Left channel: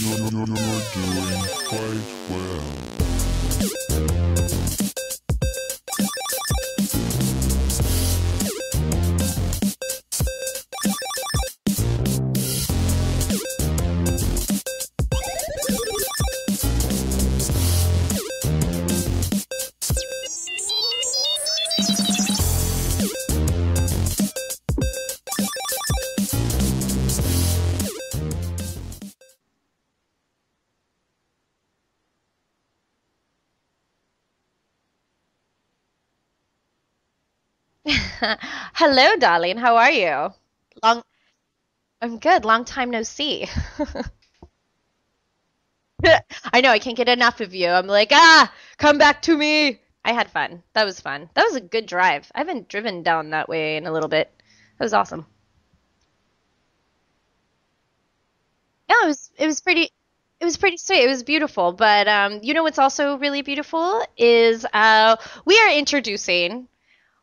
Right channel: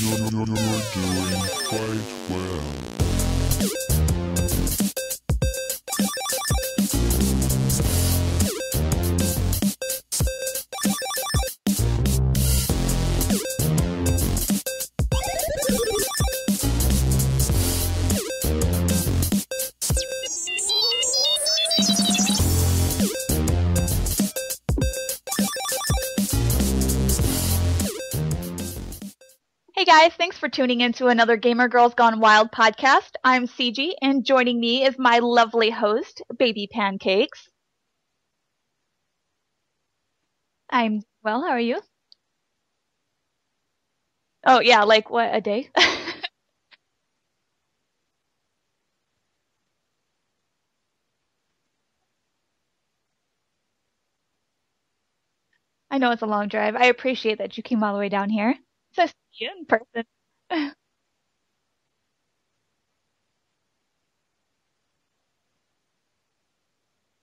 You're doing quite well. Hey guys, thanks for tuning in to another Gamer Girls Gone Wild podcast. I'm CG, and joining me is my lovely host, Baby Pancakes. Hello, darling. How are you? I'm well, how are you? I'm good. Long time no see. Oh yeah, like what, a day? I know, I can't get enough of you. I'm like, come back to me. I had fun. That was fun. That was a good drive. I haven't driven down that way in a little bit. That was awesome. I know it's a long drive. I appreciate that you came all the way down here. Yeah, it was pretty sweet. It was beautiful. But you know what's also really beautiful is we are introducing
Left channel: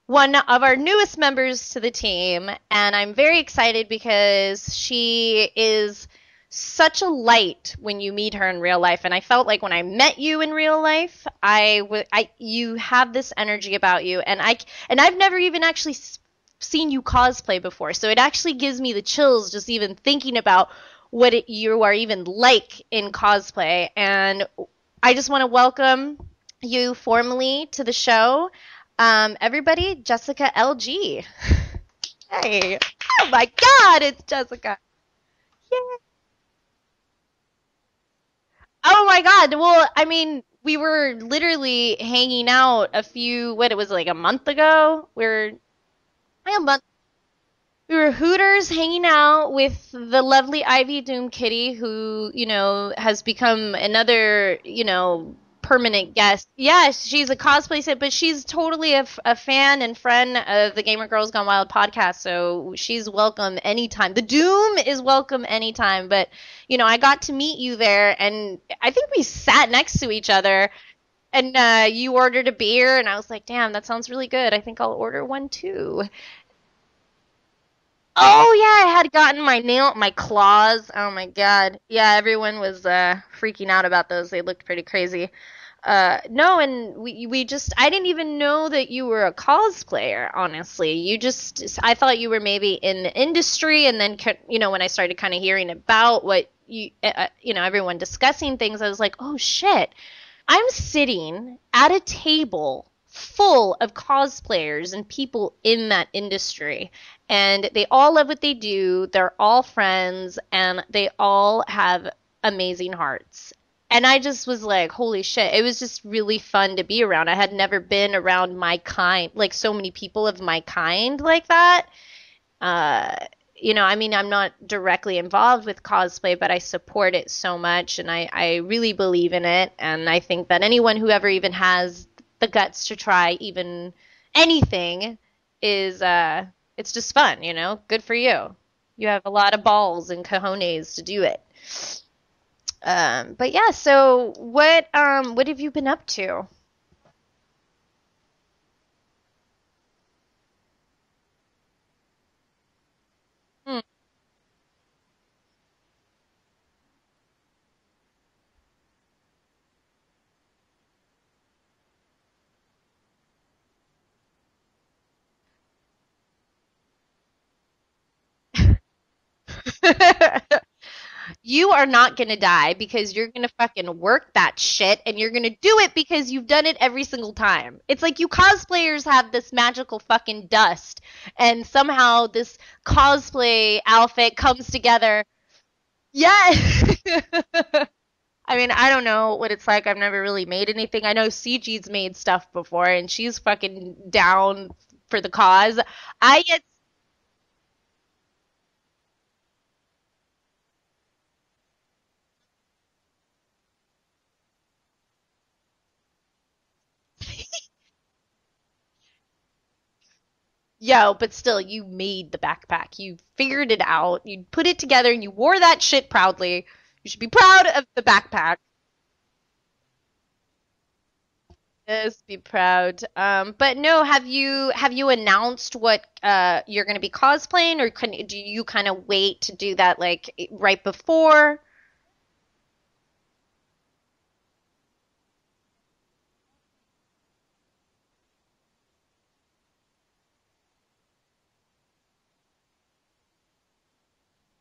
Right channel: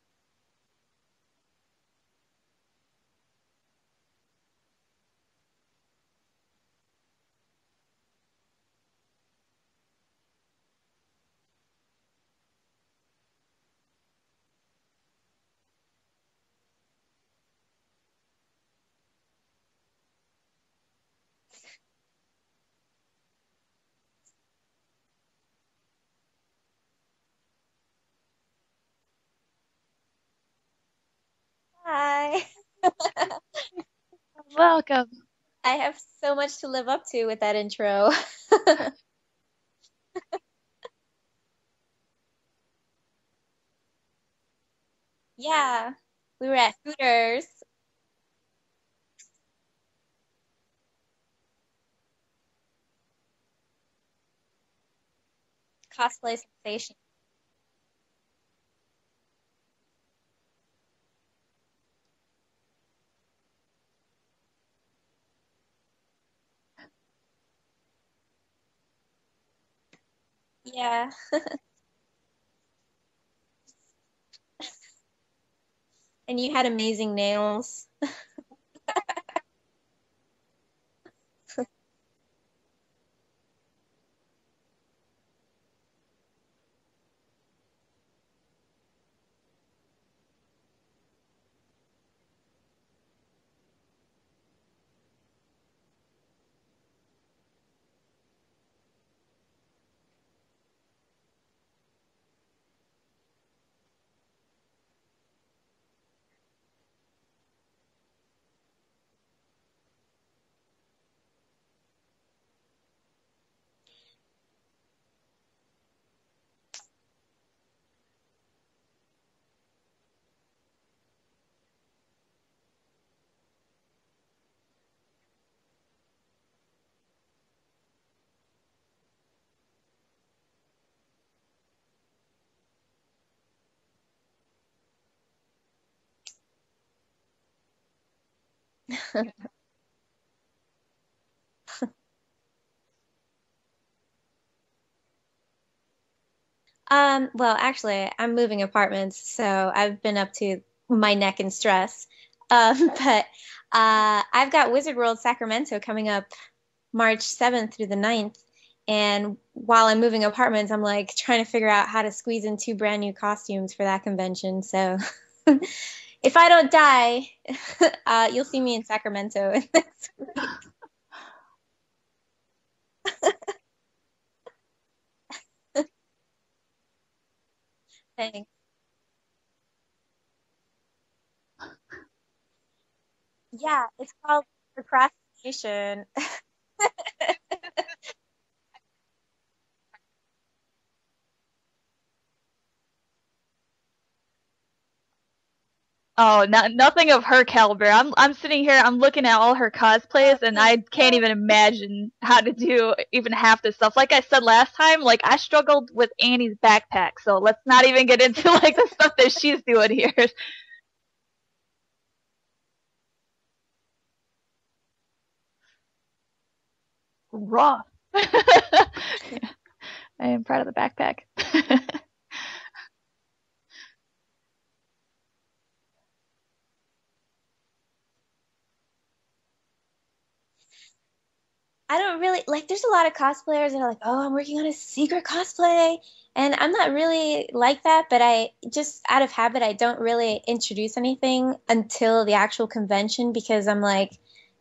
one of our newest members to the team, and I'm very excited because she is such a light when you meet her in real life. And I felt like when I met you in real life, you have this energy about you, and I've never even actually seen you cosplay before, so it actually gives me the chills just even thinking about what you are even like in cosplay. And I just want to welcome you formally to the show. Everybody, Jessica LG. Hi. Hey. Oh my God, it's Jessica. Welcome. I have so much to live up to with that intro. Oh my God. Well, I mean, we were literally hanging out it was like a month ago? Yeah. We were a at month- Hooters. We were Hooters hanging out with the lovely Ivy Doom Kitty, who, has become another, permanent Cosplay. guest. Yes, she's a cosplay set, but she's totally a fan and friend of the Gamer Girls Gone Wild podcast, so she's welcome anytime. The Doom is welcome anytime, but, I got to meet you there, and I think we sat next to each other. Yeah. And you ordered a beer, and I was like, damn, that sounds really good. I think I'll order one too. And you had amazing nails. Oh yeah, I had gotten my claws. Oh my God. Yeah, everyone was freaking out about those. They looked pretty crazy. No, and we just I didn't even know that you were a cosplayer, honestly. I thought you were maybe in the industry, and then when I started kind of hearing about what everyone discussing things, I was like, "Oh shit. I'm sitting at a table full of cosplayers and people in that industry, and they all love what they do. They're all friends, and they all have amazing hearts." And I just was like, holy shit. It was just really fun to be around. I had never been around my kind, like so many people of my kind like that. I mean, I'm not directly involved with cosplay, but I support it so much, and I really believe in it. And I think that anyone who ever even has the guts to try even anything is, it's just fun, Good for you. You have a lot of balls and cojones to do it. But yeah, so what have you been up to? Well, actually, I'm moving apartments, so I've been up to my neck in stress. But I've got Wizard World Sacramento coming up March 7th through the 9th. And while I'm moving apartments, I'm like trying to figure out how to squeeze in 2 brand new costumes for that convention. So if I don't die, you'll see me in Sacramento. You are not going to die because you're going to fucking work that shit, and you're going to do it because you've done it every single time. It's like you cosplayers have this magical fucking dust, and somehow this cosplay outfit comes together. Yeah. I mean, I don't know what it's like. I've never really made anything. I know CG's made stuff before, and she's fucking down for the cause. Nothing of her caliber. I'm sitting here, I'm looking at all her cosplays, and I can't even imagine how to do even half this stuff. Like I said last time, like I struggled with Annie's backpack, so let's not even get into like the stuff that she's doing here. Yo, but still, you made the backpack. You figured it out. You put it together, and you wore that shit proudly. You should be proud of the backpack. Yeah. I am proud of the backpack. Yes, be proud. But no, have you announced what you're going to be cosplaying, or do you kind of wait to do that like right before? I don't really like. There's a lot of cosplayers that are like, "Oh, I'm working on a secret cosplay," and I'm not really like that. But I just out of habit, I don't really introduce anything until the actual convention because I'm like,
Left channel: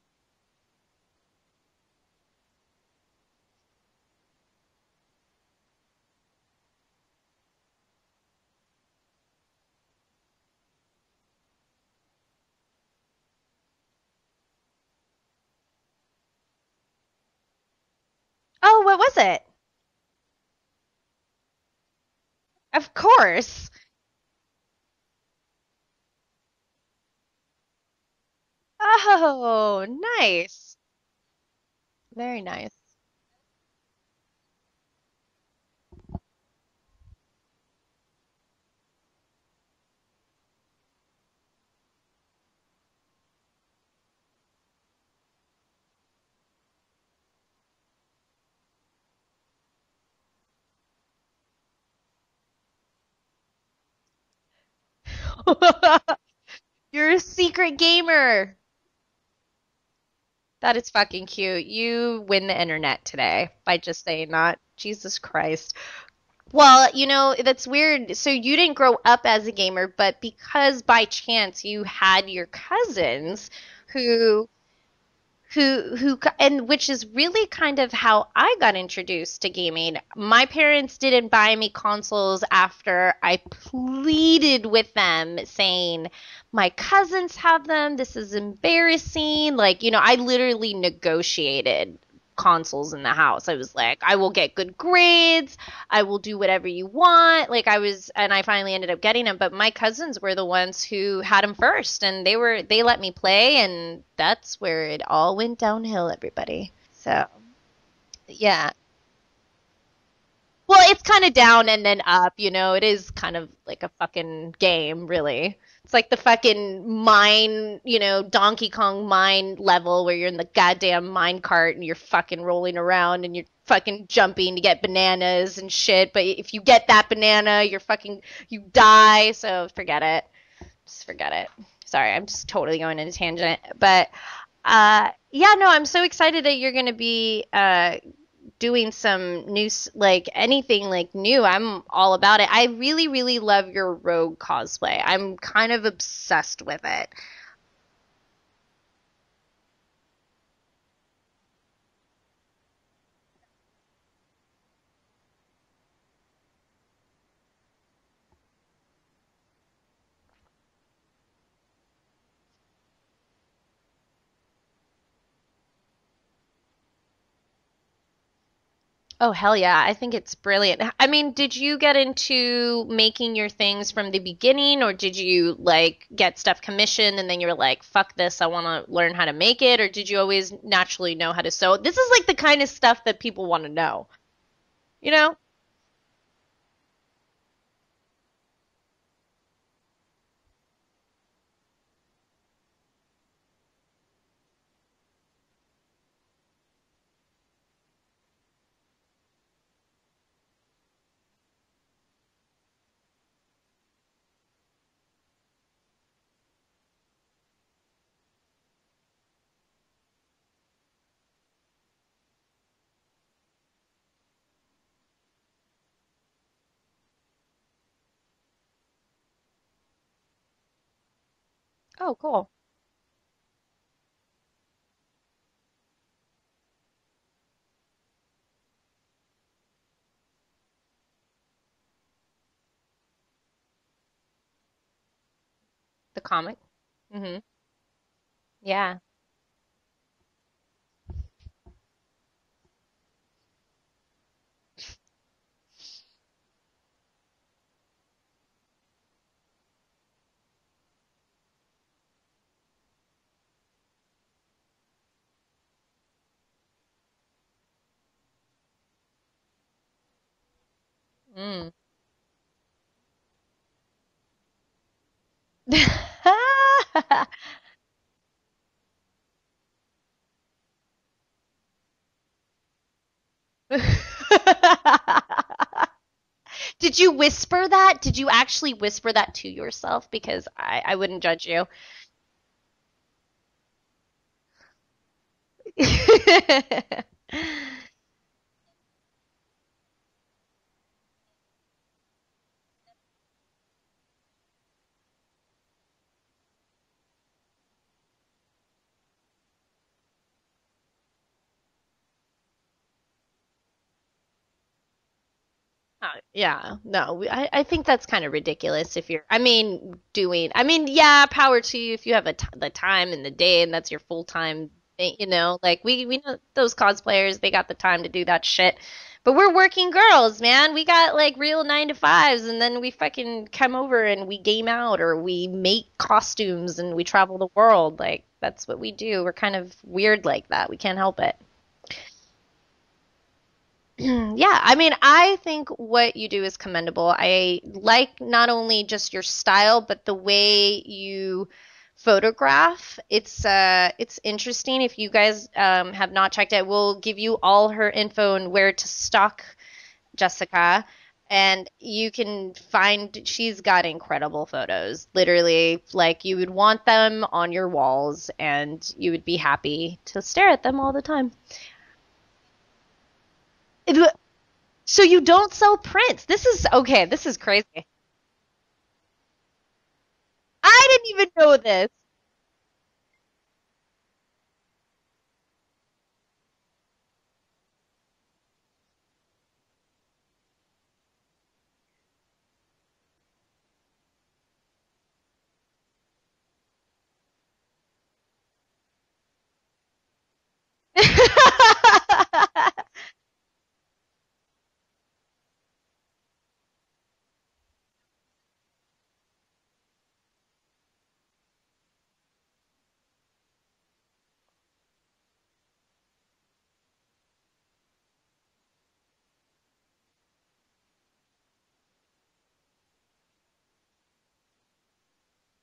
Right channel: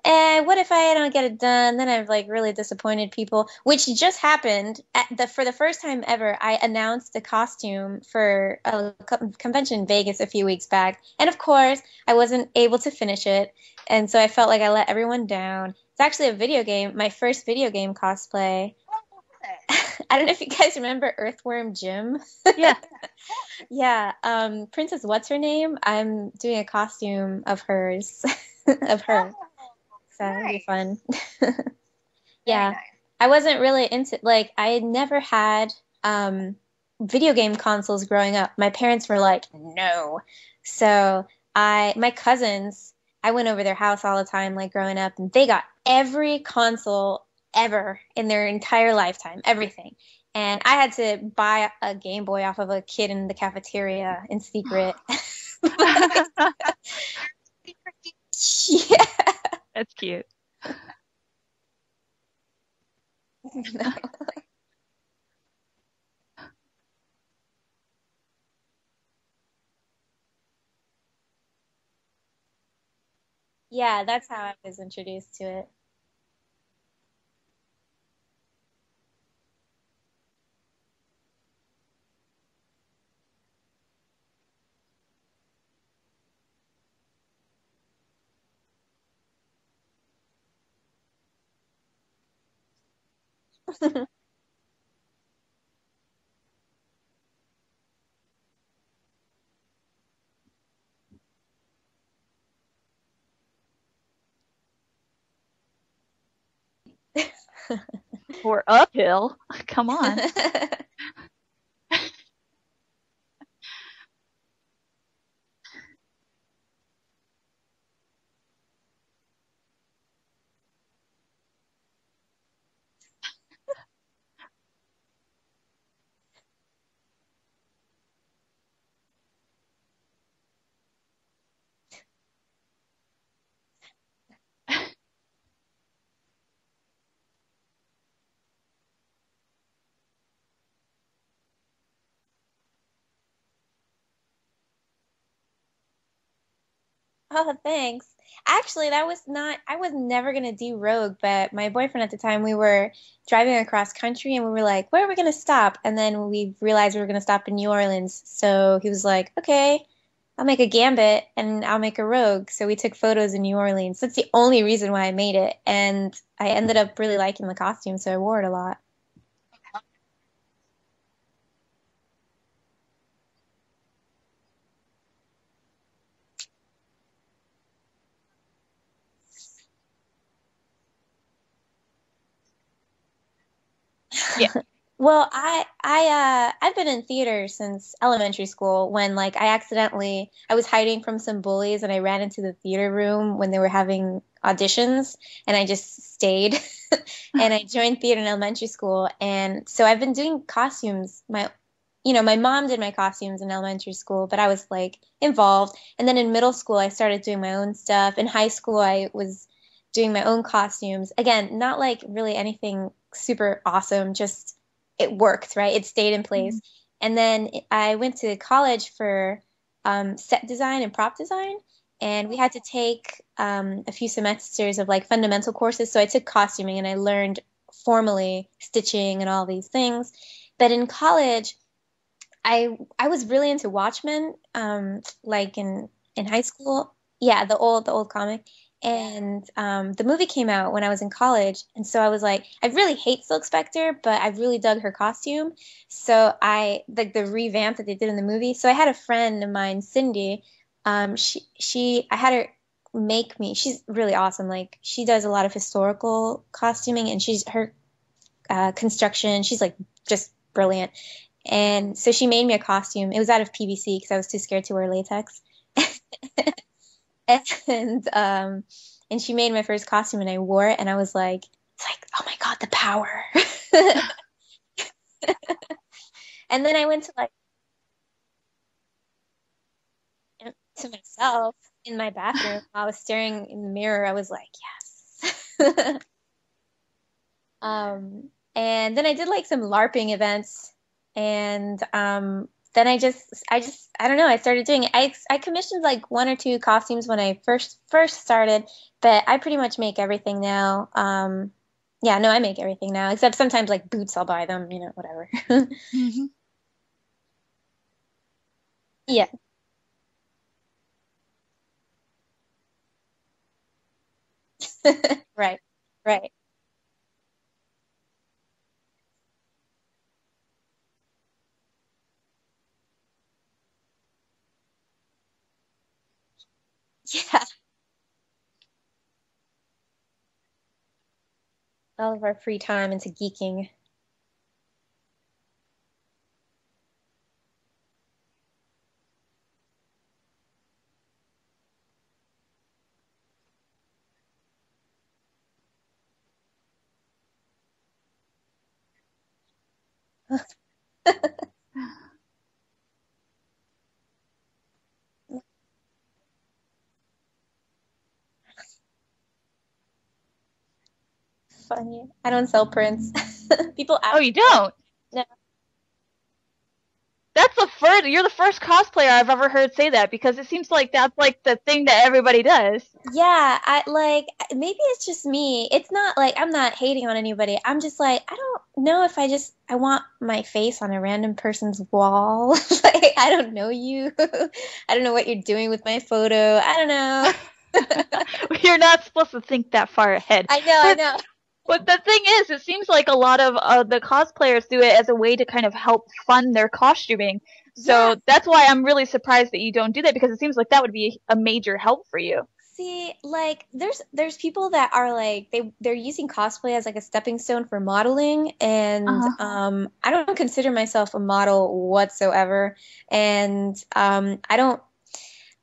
what if I don't get it done? Then I've like really disappointed people, which just happened for the first time ever. I announced a costume for a convention in Vegas a few weeks back, and of course, I wasn't able to finish it, and so I felt like I let everyone down. It's actually a video game, my first video game cosplay. Oh, what was it? I don't know if you guys remember Earthworm Jim. Yeah, of course. Yeah, Princess What's Her Name? I'm doing a costume of hers. Oh, nice. It'll be fun. Very nice. Yeah. I wasn't really into, like, I had never had video game consoles growing up. My parents were like, no. So my cousins, I went over their house all the time, like growing up, and they got every console ever in their entire lifetime, everything. And I had to buy a Game Boy off of a kid in the cafeteria in secret. You're a secret gamer. Yeah. That's cute. That is fucking cute. You win the internet today by just saying that. Jesus Christ. Well, you know, that's weird. So you didn't grow up as a gamer, but because by chance you had your cousins, Yeah, that's how I was introduced to it. and which is really kind of how I got introduced to gaming. My parents didn't buy me consoles after I pleaded with them saying, my cousins have them. This is embarrassing. Like, you know, I literally negotiated consoles in the house. I was like, I will get good grades. I will do whatever you want. Like and I finally ended up getting them. But my cousins were the ones who had them first, and they let me play, and that's where it all went downhill, everybody. So. Yeah. Or uphill. Come on. Well, it's kind of down and then up, you know. It is kind of like a fucking game, really. It's like the fucking mine, you know, Donkey Kong mine level where you're in the goddamn mine cart and you're fucking rolling around and you're fucking jumping to get bananas and shit. But if you get that banana, you die. So forget it. Just forget it. Sorry, I'm just totally going in a tangent. But yeah, no, I'm so excited that you're going to be doing some new, like anything like new. I'm all about it. I really, really love your rogue cosplay. I'm kind of obsessed with it. Oh, thanks. Actually, I was never going to do rogue, but my boyfriend at the time, we were driving across country and we were like, where are we going to stop? And then we realized we were going to stop in New Orleans. So he was like, okay, I'll make a gambit and I'll make a rogue. So we took photos in New Orleans. That's the only reason why I made it. And I ended up really liking the costume, so I wore it a lot. Oh, hell yeah. I think it's brilliant. I mean, did you get into making your things from the beginning, or did you like get stuff commissioned and then you're like, fuck this, I want to learn how to make it? Or did you always naturally know how to sew? This is like the kind of stuff that people want to know. Yeah. Well, I've been in theater since elementary school when like I was hiding from some bullies and I ran into the theater room when they were having auditions and I just stayed and I joined theater in elementary school. And so I've been doing costumes. My mom did my costumes in elementary school, but I was like involved. And then in middle school, I started doing my own stuff. In high school, I was doing my own costumes. Again, not like really anything super awesome, just it worked, right? It stayed in place. Mm-hmm. And then I went to college for set design and prop design. And cool. We had to take a few semesters of like fundamental courses. So I took costuming and I learned formally stitching and all these things. But in college, I was really into Watchmen, like in high school. Mm-hmm. Yeah, the old comic. Yeah. And the movie came out when I was in college, and so I was like, I really hate Silk Spectre, but I really dug her costume. So I like the revamp that they did in the movie. So I had a friend of mine, Cindy. I had her make me. She's really awesome. Like she does a lot of historical costuming, and her construction. She's like just brilliant. Mm. And so she made me a costume. It was out of PVC because I was too scared to wear latex. And she made my first costume and I wore it and I was like, it's like, oh my God, the power. And then Did you whisper that? Did you actually whisper that to yourself? Because I wouldn't judge you. In my bathroom, I was staring in the mirror. I was like, yes. And then I did like some LARPing events, and then I don't know, I started doing it. I commissioned like one or two costumes when I first started, but I pretty much make everything now. Yeah, no, I make everything now, except sometimes like boots, I'll buy them, whatever. Yeah, no, I think that's kind of ridiculous if you're, Yeah. yeah, power to you if you have the time in the day and that's your full-time thing, Right, like we right. know those cosplayers, they got the time to do that shit. But we're working girls, man. We got like real 9 to 5s, and then we fucking come over and we game out or we make costumes and we travel the world. Like that's what we do. We're kind of weird like that. We can't help it. All of our free time into geeking. Yeah, I mean, I think what you do is commendable. I like not only just your style, but the way you photograph. It's interesting. If you guys have not checked it, we'll give you all her info and where to stalk Jessica, and you can find she's got incredible photos. Literally, like you would want them on your walls and you would be happy to stare at them all the time. Funny. I don't sell prints. People Oh, you don't? So you don't sell prints. This is okay, this is That's crazy. you're the first cosplayer I've ever heard say that, because it seems I like didn't that's even like know the thing this. that everybody does. Yeah, I like maybe it's just me. It's not like I'm not hating on anybody. I'm just like I don't know if I want my face on a random person's wall. Like I don't know you. I don't know what you're doing with my photo. I don't know. You're not supposed to think that far ahead. I know. But the thing is, it seems like a lot of the cosplayers do it as a way to kind of help fund their costuming. So Yeah. that's why I'm really surprised that you don't do that, because it seems like that would be a major help for you. See, like there's people that are like they're using cosplay as like a stepping stone for modeling, and I don't consider myself a model whatsoever, and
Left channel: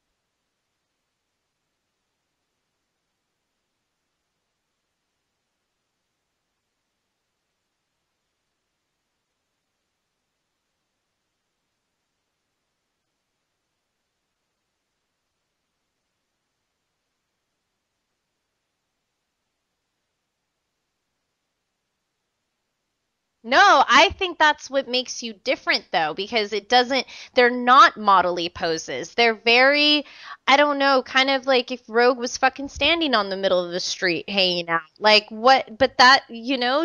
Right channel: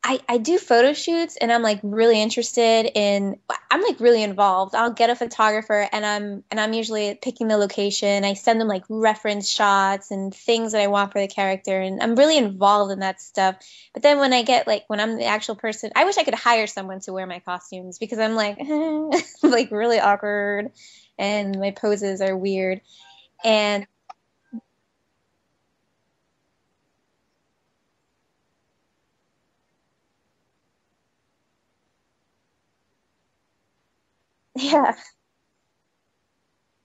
I do photo shoots, and I'm like really interested in I'm like really involved. I'll get a photographer, and I'm usually picking the location. I send them like reference shots and things that I want for the character, and I'm really involved in that stuff. But then when I'm the actual person, I wish I could hire someone to wear my costumes, because I'm like like really awkward and my poses are weird. And No, I think that's what makes you different though, because they're not modelly poses. They're very, I don't know, kind of like if Rogue was fucking standing on the middle of the street hanging out. Like what, but that,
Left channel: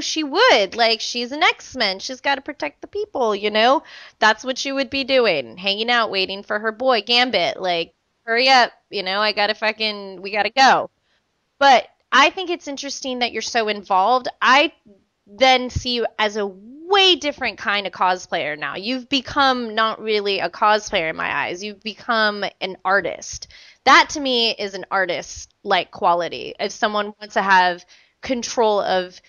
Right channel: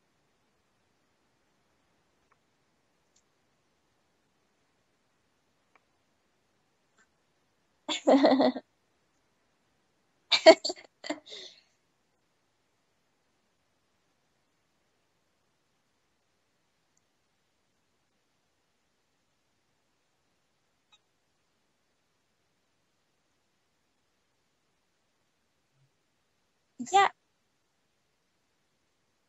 she would. Like she's an X-Men. She's got to protect the people, That's what she would be doing, hanging out, waiting for her boy Gambit. Like, hurry up, we gotta go. But I think it's interesting that you're so involved. I then see you as a way different kind of cosplayer now. You've become not really a cosplayer in my eyes. You've become an artist. That to me is an artist like quality. If someone wants to have control of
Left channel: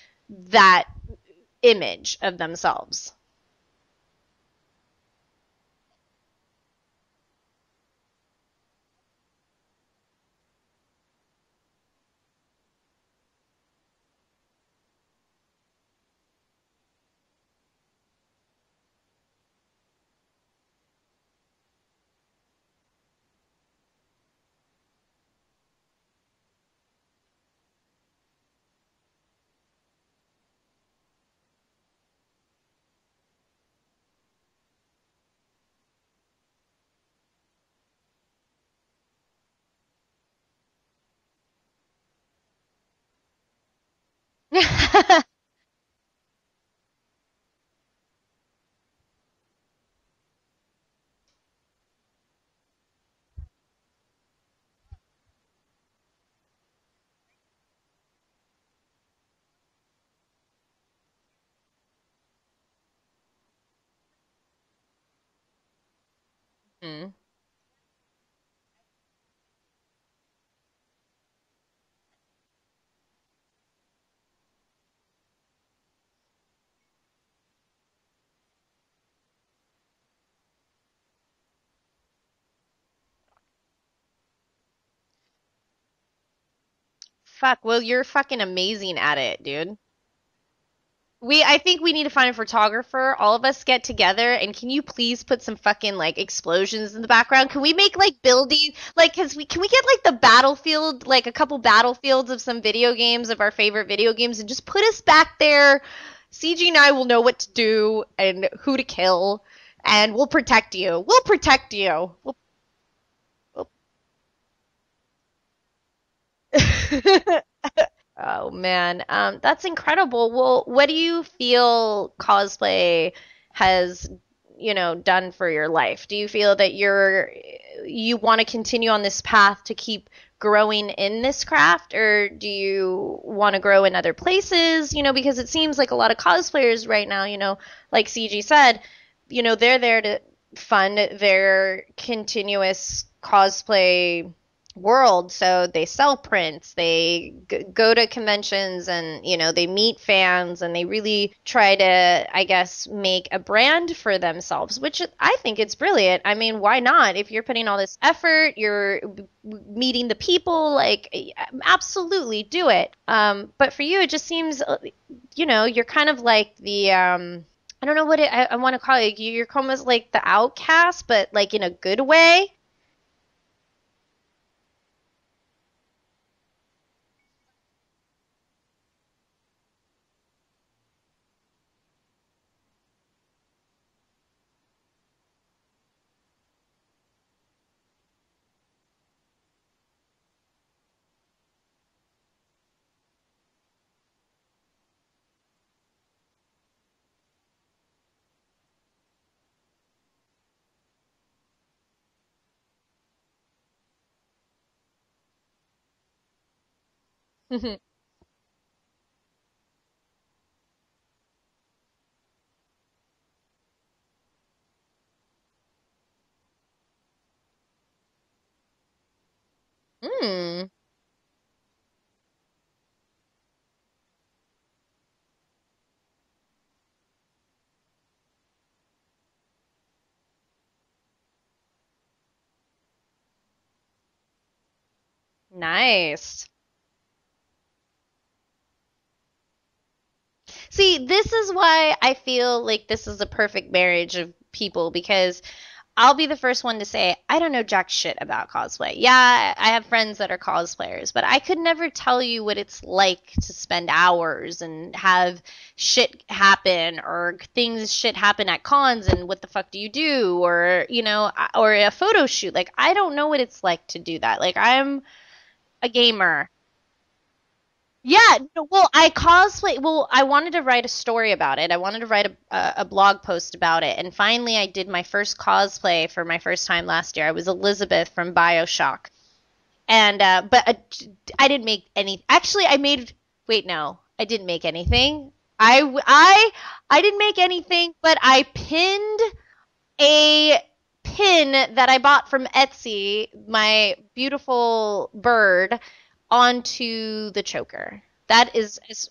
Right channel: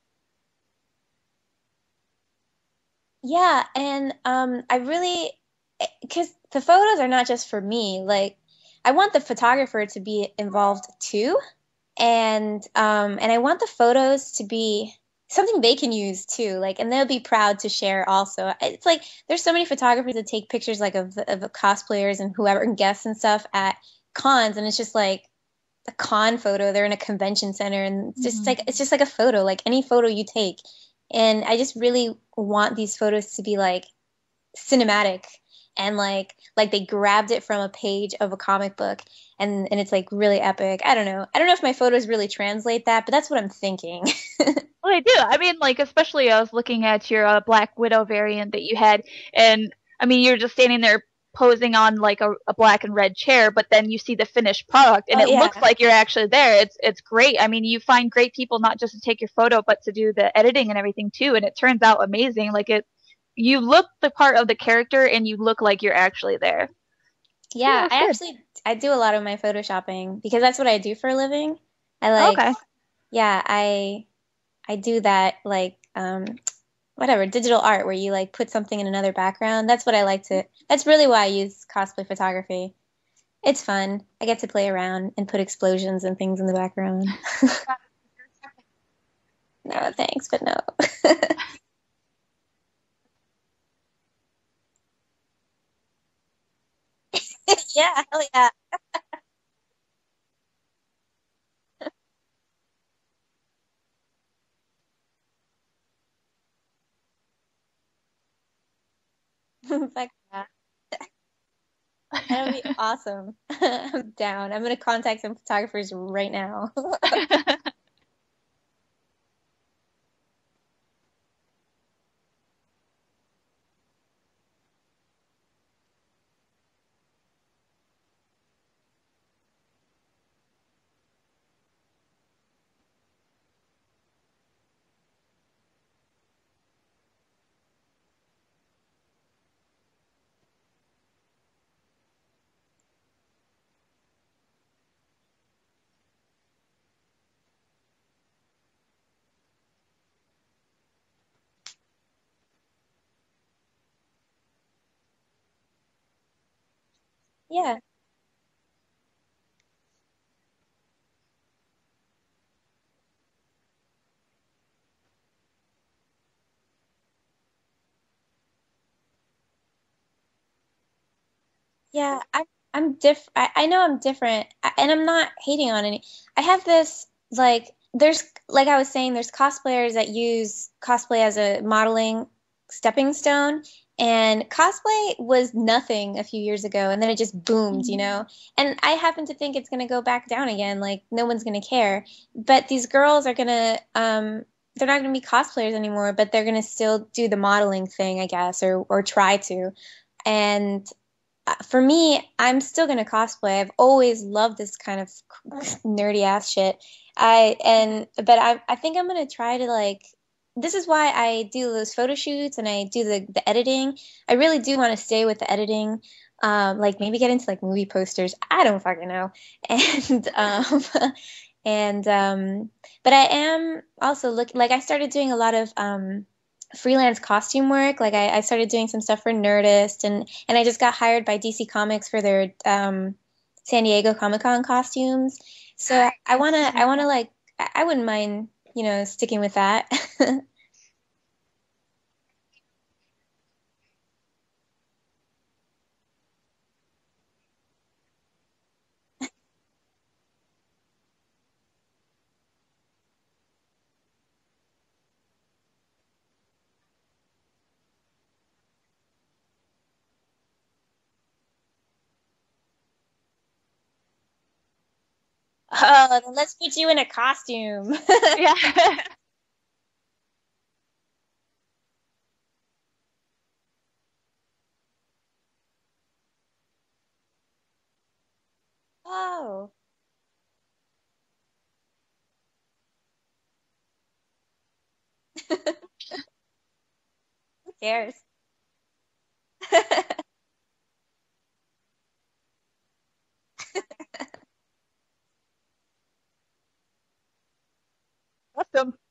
that image of themselves. Yeah, and I really, because the photos are not just for me. Like, I want the photographer to be involved too, and I want the photos to be something they can use too, like, and they'll be proud to share also. It's like there's so many photographers that take pictures like of cosplayers and whoever and guests and stuff at cons, and it's just like a con photo. They're in a convention center, and it's just like a photo, like any photo you take. And I just really want these photos to be like cinematic, and like they grabbed it from a page of a comic book, and it's like really epic. I don't know if my photos really translate that, but that's what I'm thinking. I do. I mean, like, especially I was looking at your Black Widow variant that you had, and I mean, you're just standing there posing on like a black and red chair, but then you see the finished product, and it looks like you're actually there. It's great. I mean, you find great people not just to take your photo, but to do the editing and everything too, and it turns out amazing. Like you look the part of the character, and you look like you're actually there. Yeah, I do a lot of my photoshopping because that's what I do for a living. I do that, like whatever, digital art where you like put something in another background. That's what I like to. That's really why I use cosplay photography. It's fun. I get to play around and put explosions and things in the background. Fuck, well, you're fucking amazing at it, dude. No, thanks, but no. I think we need to find a photographer. All of us get together, and can you please put some fucking like explosions in the background? Can we make like building like can we get like the battlefield, like a couple battlefields of some video games of our favorite video games, and just put us back there? CG and I will know what to do and who to kill, and we'll protect you. We'll protect you. That would be awesome. I'm down. I'm gonna contact some photographers right now. Oh man, that's incredible. Well, what do you feel cosplay has, done for your life? Do you feel that you want to continue on this path to keep growing in this craft, or do you want to grow in other places? Because it seems like a lot of cosplayers right now, like CG said, they're there to fund their continuous cosplay world. So they sell prints, they go to conventions, and they meet fans, and they really try to, I guess, make a brand for themselves, which I think it's brilliant. I mean, why not? If you're putting all this effort, you're meeting the people, like, absolutely do it. But for you, it just seems, you're kind of like the I don't know what I want to call it. You're almost like the outcast, but like in a good way. I'm different. I know I'm different, and I'm not hating on any. I have this, like, there's, like I was saying, there's cosplayers that use cosplay as a modeling stepping stone, and cosplay was nothing a few years ago, and then it just boomed, and I happen to think it's going to go back down again. Like, no one's going to care, but these girls are going to, they're not going to be cosplayers anymore, but they're going to still do the modeling thing, I guess, or try to. And for me, I'm still going to cosplay. I've always loved this kind of nerdy ass shit. But I think I'm going to try to, like, this is why I do those photo shoots and I do the editing. I really do want to stay with the editing. Like, maybe get into like movie posters. I don't fucking know. But I am also like, I started doing a lot of freelance costume work. Like, I started doing some stuff for Nerdist, and I just got hired by DC Comics for their San Diego Comic-Con costumes. Nice. So I wanna like, I wouldn't mind, sticking with that. See, this is why I feel like this is a perfect marriage of people, because I'll be the first one to say, I don't know jack shit about cosplay. Yeah, I have friends that are cosplayers, but I could never tell you what it's like to spend hours and have shit happen, or shit happen at cons, and what the fuck do you do? Or, or a photo shoot. Like, I don't know what it's like to do that. Like, I'm a gamer. Let's put you in a costume. Yeah. Well, I cosplay. Well, I wanted to write a story about it. I wanted to write a blog post about it. And finally, I did my first cosplay for my first time last year. I was Elizabeth from BioShock. Oh. And, but I didn't make any. Actually, wait, no. I didn't make anything. I didn't make anything, but I pinned a pin that I bought from Etsy, my beautiful bird, onto the choker. That is just,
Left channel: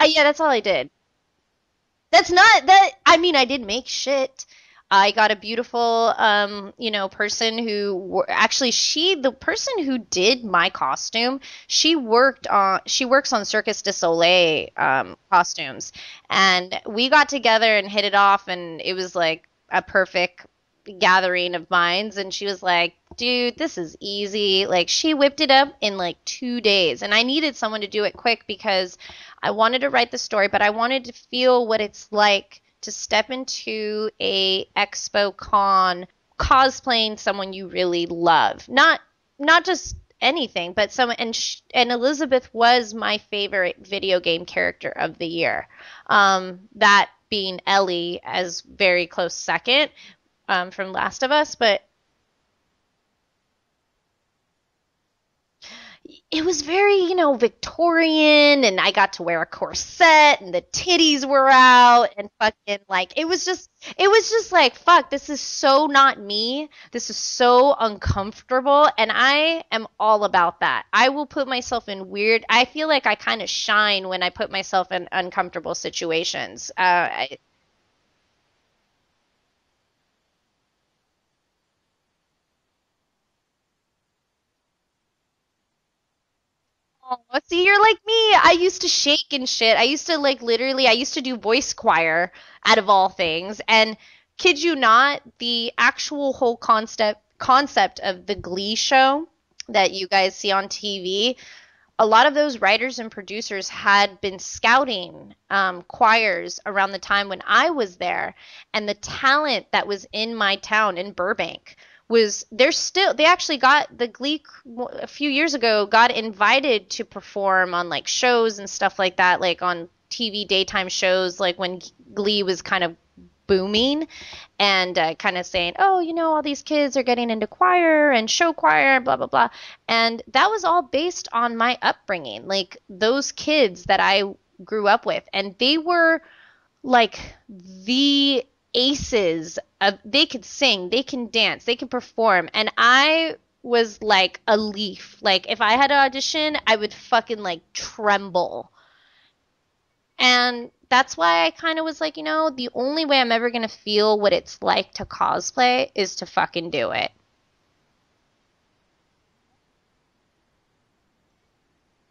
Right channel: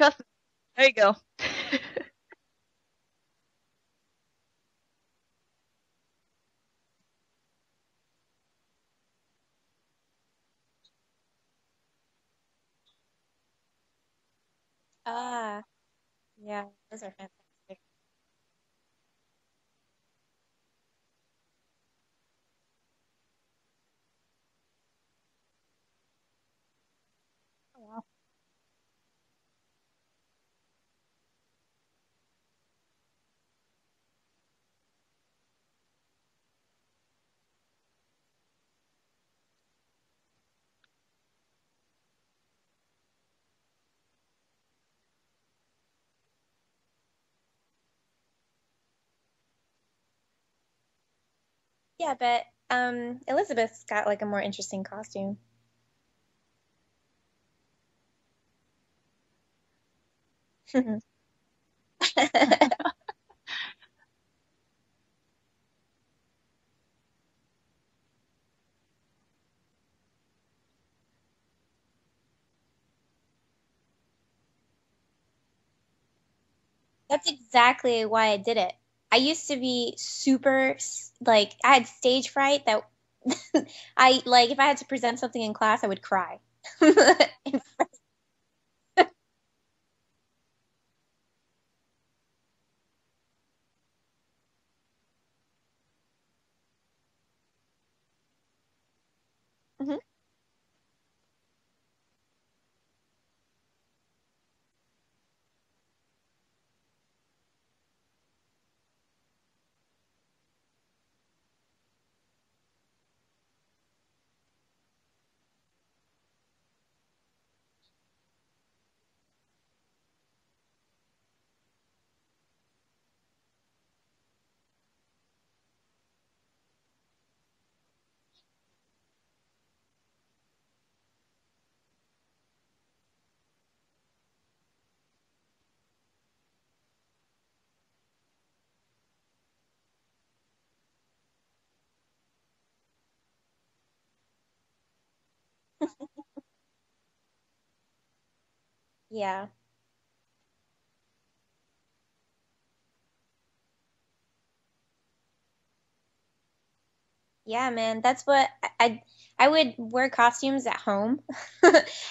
yeah, that's all I did. There you go. That's not that. I mean, I did make shit. I got a beautiful, person who actually the person who did my costume, she works on Circus du Soleil costumes, and we got together and hit it off, and it was like a perfect gathering of minds. And she was like, dude, this is easy. Like, she whipped it up in like 2 days, and I needed someone to do it quick because I wanted to write the story, but I wanted to feel what it's like to step into a expo con cosplaying someone you really love. Not just anything, but someone. And Elizabeth was my favorite video game character of the year. That being Ellie as very close second, from Last of Us. But yeah, but Elizabeth's got like a more interesting costume. It was very, Victorian, and I got to wear a corset, and the titties were out, and fucking, like, it was just like, fuck, this is so not me. This is so uncomfortable, and I am all about that. I will put myself in I feel like I kind of shine when I put myself in uncomfortable situations. That's exactly why I did it. I used to be super, like, I had stage fright that I like if I had to present something in class, I would cry. Oh, see, you're like me. I used to shake and shit. I used to like literally, I used to do voice choir out of all things. And kid you not, the actual whole concept of the Glee show that Mhm. you guys see on TV, a lot of those writers and producers had been scouting choirs around the time when I was there, and the talent that was in my town in Burbank was they actually got the Glee a few years ago got invited to perform on like shows and stuff like that, like on TV daytime shows, like when Glee was kind of booming, and kind of saying, oh, all these kids are getting into choir and show choir, blah, blah, blah. And that was all based on my upbringing, like those kids that I grew up with. And they were like the aces of, they could sing, they can dance, they can perform. And I was like a leaf. Like if I had to audition, I would fucking like tremble. Yeah. And that's why I kind of was like, the only way I'm ever going to feel what it's like to cosplay is to fucking do it. Yeah, man. That's what I would wear costumes at home.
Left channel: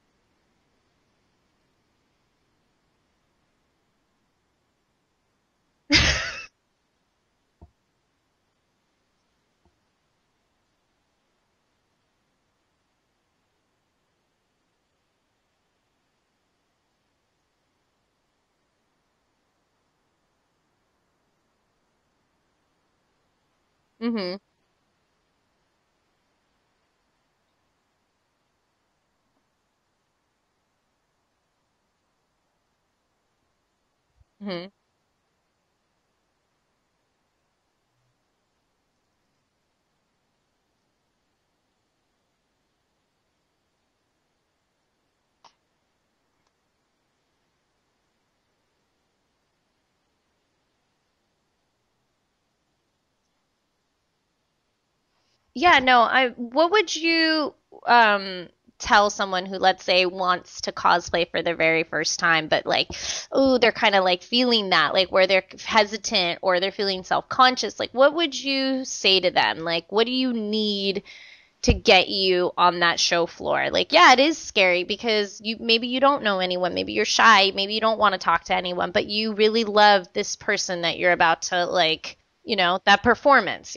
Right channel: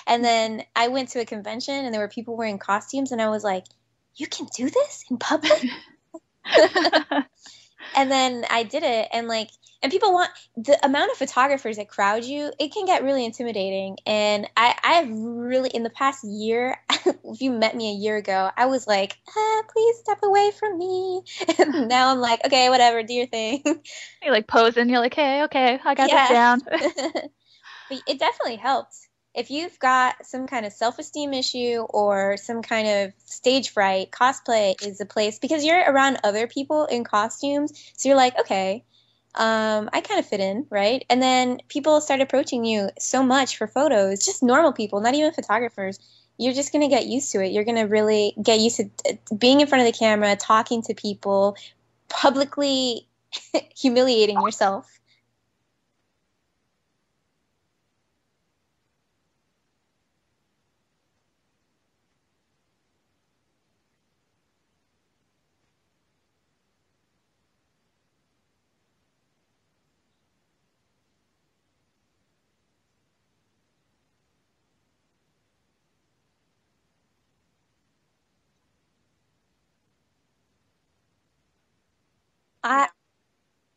And then I went to a convention and there were people wearing costumes and I was like, you can do this in public? And then I did it, and people want the amount of photographers that crowd you. It can get really intimidating. And I've really, in the past year, if you met me a year ago, I was like, please step away from me. And now I'm like, okay, whatever, do your thing. Mm-hmm. You're like posing. You're like, hey, okay, I got Yeah. this down. But it definitely helps. If you've got some kind of self-esteem issue or some kind of stage fright, cosplay is a place, because you're around other people in costumes. So you're like, okay, I kind of fit in, right? And then people start approaching you so much for photos, just normal people, not even photographers. You're just going to get used to it. You're going to really get used to being in front of the camera, talking to people, publicly humiliating yourself. Yeah, no, what would you tell someone who, let's say, wants to cosplay for their very first time, but like, oh, they're kind of like feeling that, like where they're hesitant or they're feeling self-conscious, like what would you say to them? Like, what do you need to get you on that show floor? Like, yeah, it is scary because maybe you don't know anyone, maybe you're shy, maybe you don't want to talk to anyone, but you really love this person that you're about to like, that performance,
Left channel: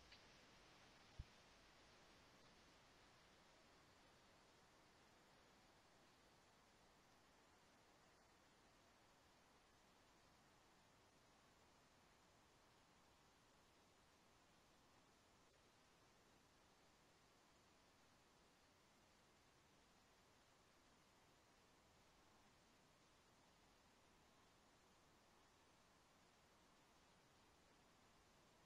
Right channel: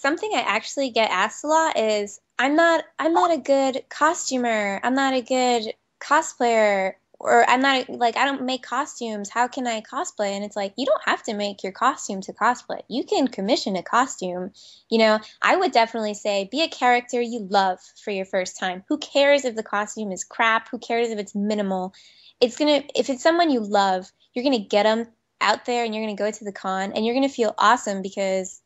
Something I actually get asked a lot is, I'm not a good costumer. I'm not a good cosplayer, or I don't make costumes. How can I cosplay? And it's like, you don't have to make your costume to cosplay. You can commission a costume. I would definitely say be a character you love for your first time. Who cares if the costume is crap? Who cares if it's minimal? If it's someone you love, you're going to get them out there and you're going to go to the con and you're going to feel awesome because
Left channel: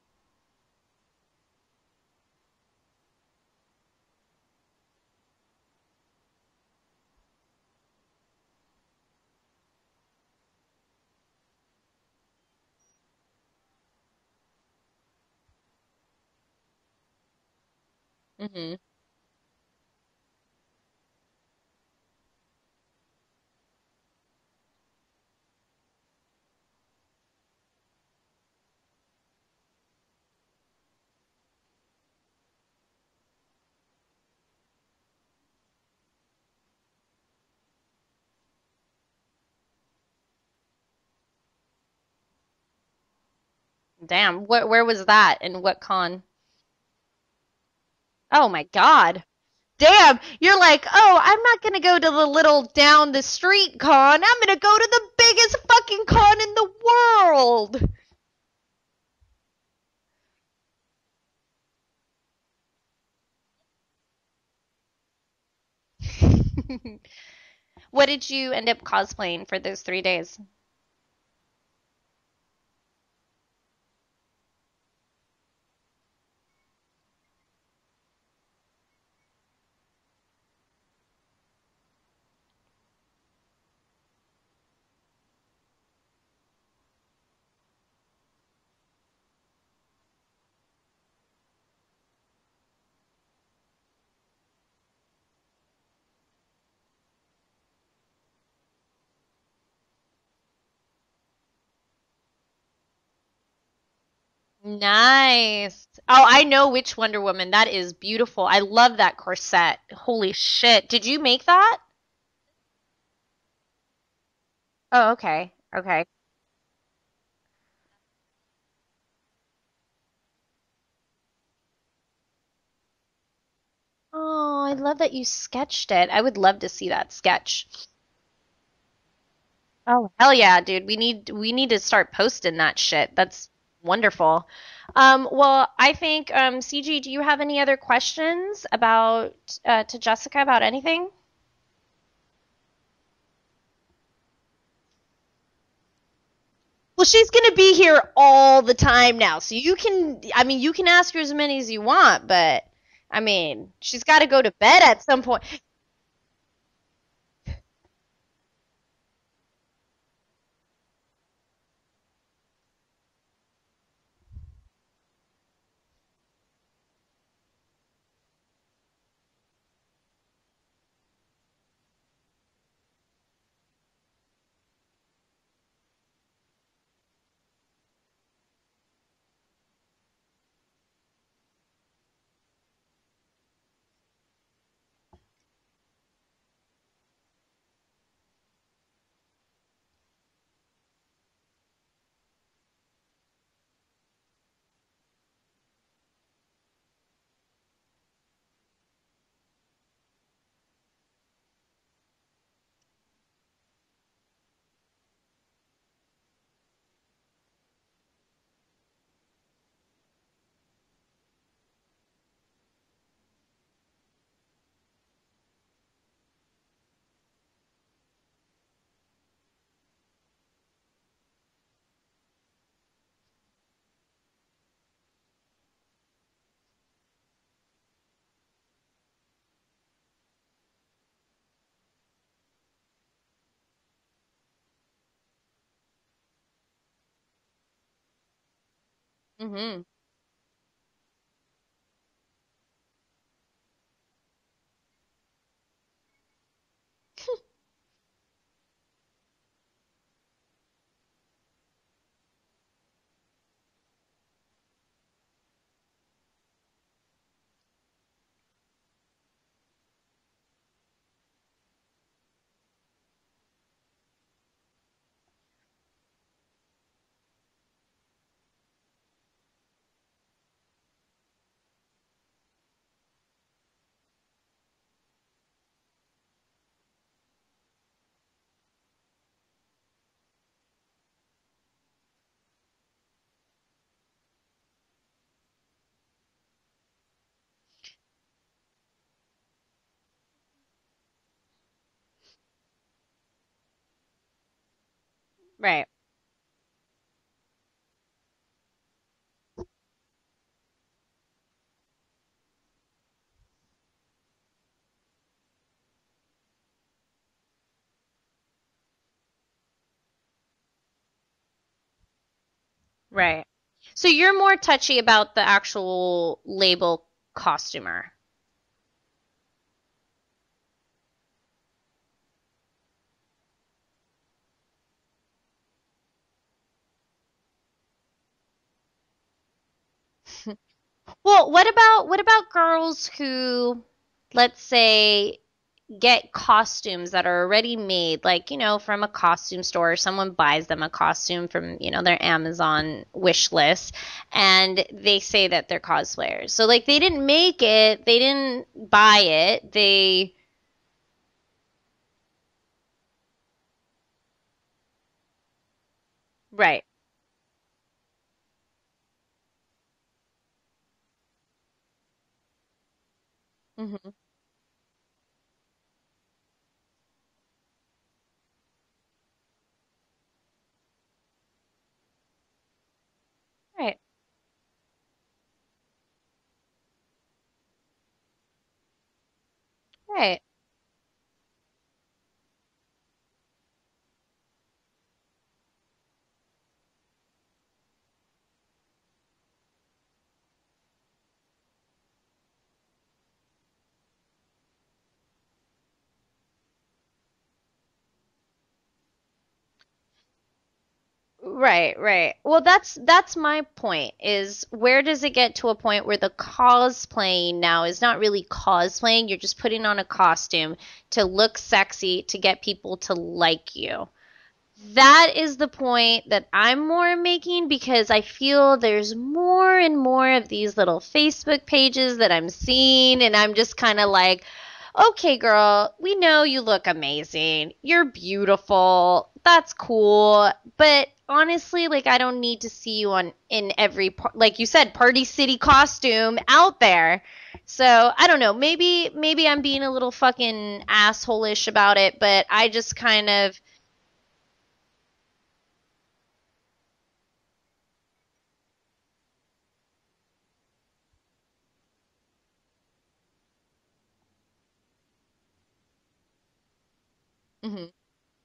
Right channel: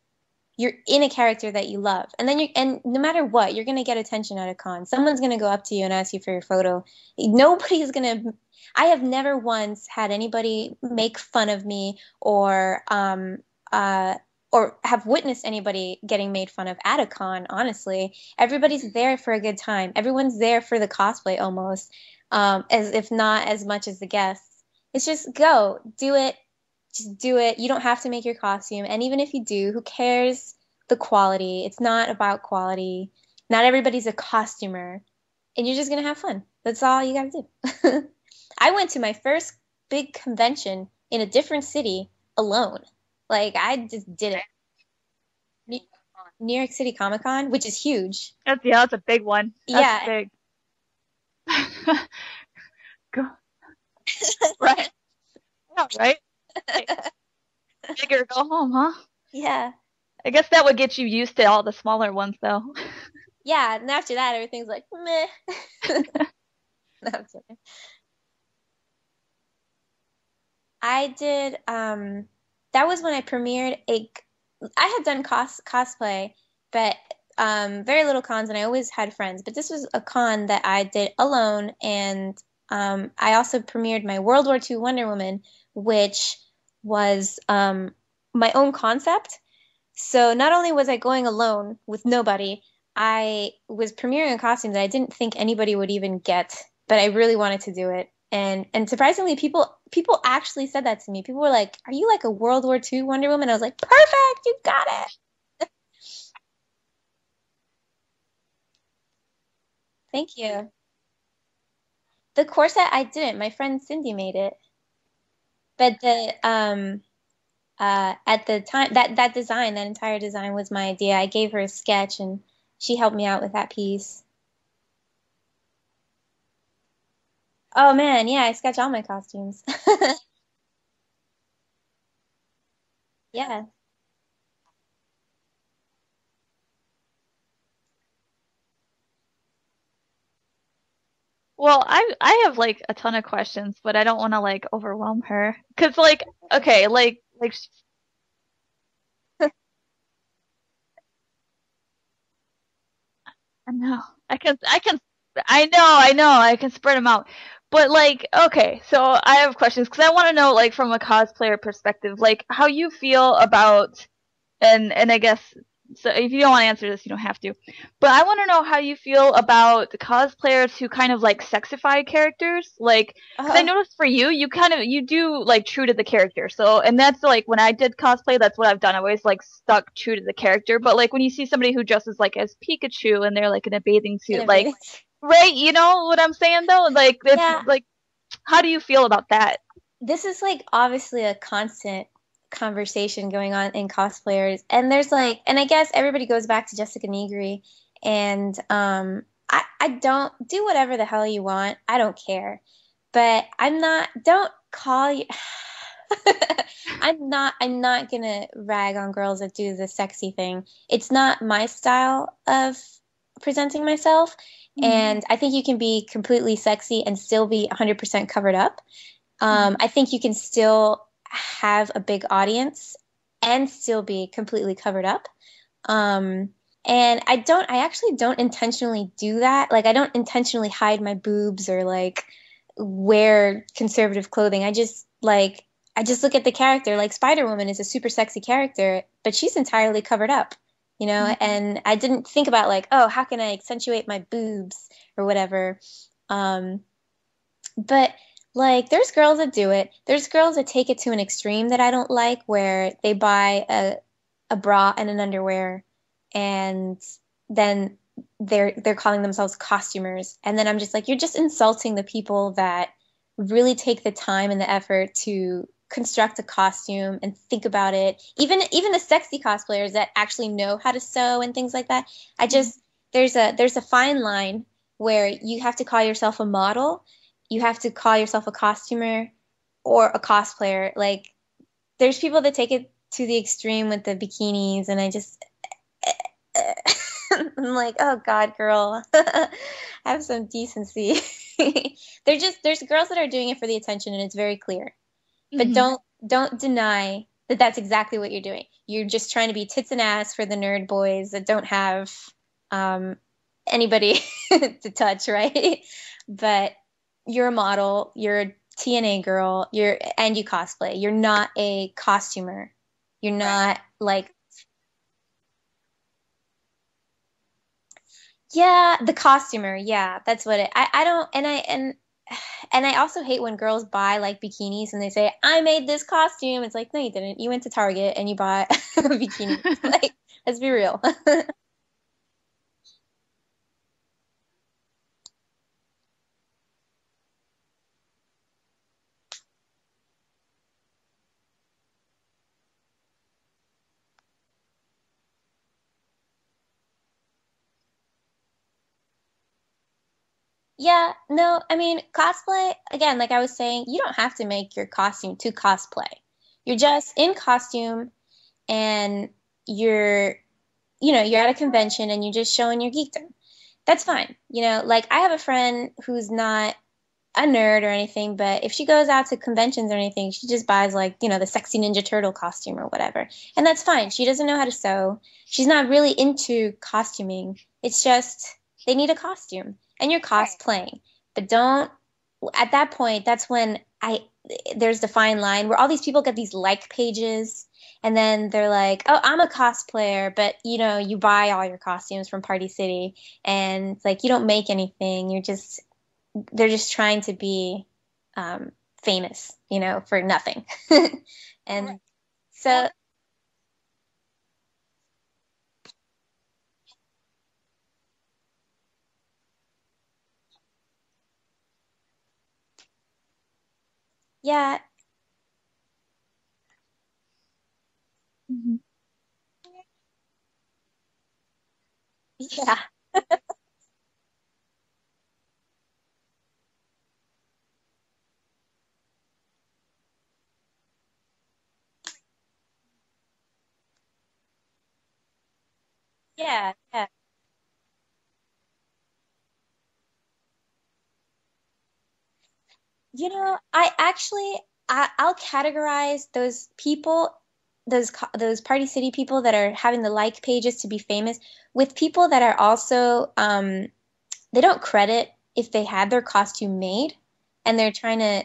you're in a character that you love. And then and no matter what, you're going to get attention at a con. Someone's going to go up to you and ask you for your photo. I have never once had anybody make fun of me or have witnessed anybody getting made fun of at a con, honestly. Everybody's there for a good time. Everyone's there for the cosplay almost, as if not as much as the guests. It's just go, do it. Just do it. You don't have to make your costume. And even if you do, who cares the quality? It's not about quality. Not everybody's a costumer. And you're just going to have fun. That's all you got to do. I went to my first big convention in a different city alone. Like, I just Damn, did it. where was that and what con? New York City Comic Con, which is huge. Oh my Yeah, that's God. a big one. Yeah. That's Damn, big. you're like, oh, I'm not going to go to the little down the street con. I'm going to go to the biggest fucking Right. con in the world. Bigger, go home, huh? Yeah. I guess that would get you used to all the smaller ones, though. Yeah, and after that, everything's like, meh. No, I'm kidding. What did you end up cosplaying for those 3 days? I did, that was when I premiered I had done cosplay, but very little cons, and I always had friends. But this was a con that I did alone, and I also premiered my World War II Wonder Woman, which was my own concept. So not only was I going alone with nobody, I was premiering a costume that I didn't think anybody would even get, but I really wanted to do it. And surprisingly, people actually said that to me. People were like, "Are you like a World War II Wonder Woman?" I was like, "Perfect, you got it." Nice. Oh, I know which Wonder Woman. That is beautiful. I love that corset. Holy Thank you. shit. Did you make that? The corset I didn't. My friend Cindy made it. Oh, okay. But Okay. at the time, that design, that entire design was my idea. I gave her a sketch and she helped me out with that piece. Oh, I love that you sketched it. I would love to see that sketch. Oh man, yeah, I sketch all my costumes. Oh, hell yeah, dude. We need to start posting that shit. That's Yeah. wonderful. Well, I think CG, do you have any other questions about to Jessica about anything? Well, I have like a ton of questions, but I don't want to like overwhelm her. Cause like, okay, Well, like she's gonna be here all the time now, so you can ask her as many as you want, but I mean, I know. she's got to go I to can- bed I can- at some point. I know, I can spread them out. But like, okay, so I have questions because I want to know like from a cosplayer perspective, like how you feel about, and I guess so if you don't want to answer this, you don't have to. But I want to know how you feel about the cosplayers who kind of like sexify characters, like. Because I noticed for you, you do like true to the character. So, and that's like when I did cosplay, that's what I've done. I always like stuck true to the character. But like when you see somebody who dresses like as Pikachu and they're like in a bathing suit, like right, you know what I'm saying though? Like it's Yeah. like, how do you feel about that? This is like obviously a constant conversation going on in cosplayers, and there's like, and I guess everybody goes back to Jessica Negri, and I don't do whatever the hell you want. I don't care, but don't call you. I'm not gonna rag on girls that do the sexy thing. It's not my style of presenting myself, and I think you can be completely sexy and still be 100% covered up. I think you can still have a big audience and still be completely covered up. And I actually don't intentionally do that. Like, I don't intentionally hide my boobs or like wear conservative clothing. I just look at the character. Like, Spider-Woman is a super sexy character, but she's entirely covered up, you know? And I didn't think about like, oh, how can I accentuate my boobs or whatever. But like, there's girls that do it. There's girls that take it to an extreme that I don't like, where they buy a bra and an underwear, and then they're calling themselves costumers. And then I'm just like, you're just insulting the people that really take the time and the effort to construct a costume and think about it. Even the sexy cosplayers that actually know how to sew and things like that. There's a fine line where you have to call yourself a model. You have to call yourself a costumer or a cosplayer. Like, there's people that take it to the extreme with the bikinis, and I just, I'm like, oh God, girl, have some decency. There's girls that are doing it for the attention, and it's very clear. But Right. don't deny that that's exactly what you're doing. You're just trying to be tits and ass for the nerd boys that don't have anybody to touch, right? But you're a model, you're a TNA girl, and you cosplay. You're not a costumer. Right. You're not. So like, you're more touchy about the actual label costumer. Yeah, the costumer. Yeah, that's what it. I don't, and I also hate when girls buy like bikinis and they say, I made this costume. It's like, no, you didn't. You went to Target and you bought a bikini. Like, let's be real. Well, what about girls who, let's say, get costumes that are already made, like, from a costume store, someone buys them a costume from, their Amazon wish list, and they say that they're cosplayers. So, like, they didn't make it, they didn't buy it, Yeah, no, I mean, cosplay, again, like I was saying, you don't have to make your costume to cosplay. Right. You're just in costume, and you're at a convention and you're just showing your geekdom. That's fine. Like, I have a friend who's not a nerd or anything, but if she goes out to conventions or anything, she just buys like, the sexy Ninja Turtle costume or whatever. And that's fine. She doesn't know how to sew. She's not really into costuming. It's just they need a costume and you're cosplaying. But at that point, that's when there's the fine line where all these people get these like pages. And then they're like, oh, I'm a cosplayer, but, you buy all your costumes from Party City, and like, you don't make anything. They're just trying to be famous, for nothing. Right, And right. Well, so that's my point is where does it get to a point where the cosplaying now is not really cosplaying, you're just putting on a costume to look sexy to get people to like you. yeah, That is the point that I'm more making because I feel there's more and more of these little Facebook pages that I'm yeah, seeing, and I'm just kind of like, okay, girl, we know you look amazing. You're beautiful. That's cool. But honestly, like, I don't need to see you in every, like you said, Party City costume yeah, out yeah. there. So I don't know. Maybe I'm being a little fucking asshole-ish about it, but I just kind of. I'll categorize those people, those Party City people that are having the like pages to be famous, with people that are also they don't credit if they had their costume made, and Mhm.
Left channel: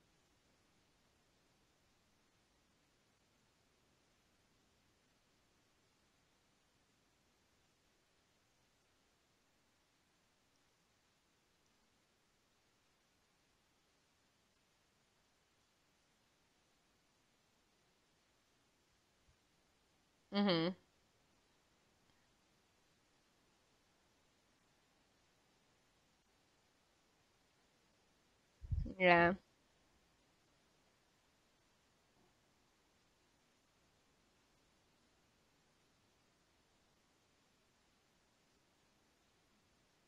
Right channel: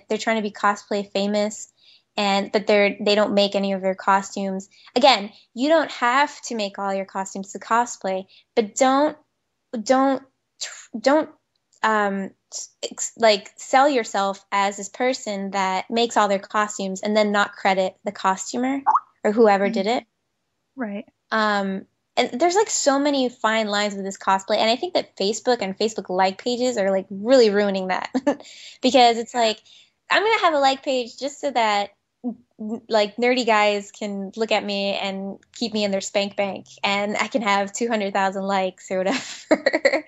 they're trying to be cosplay famous, but they don't make any of their costumes. Again, you don't have to make all your costumes to cosplay, but don't don't like sell yourself as this person that makes all their costumes and then not credit the costumer or whoever did it. Mhm. Right. And there's like so many fine lines with this cosplay, and I think that Facebook and Facebook like pages are like really ruining that because Yeah. it's like I'm gonna have a like page just so that like nerdy guys can look at me and keep me in their spank bank, and I can have 200,000 likes or whatever.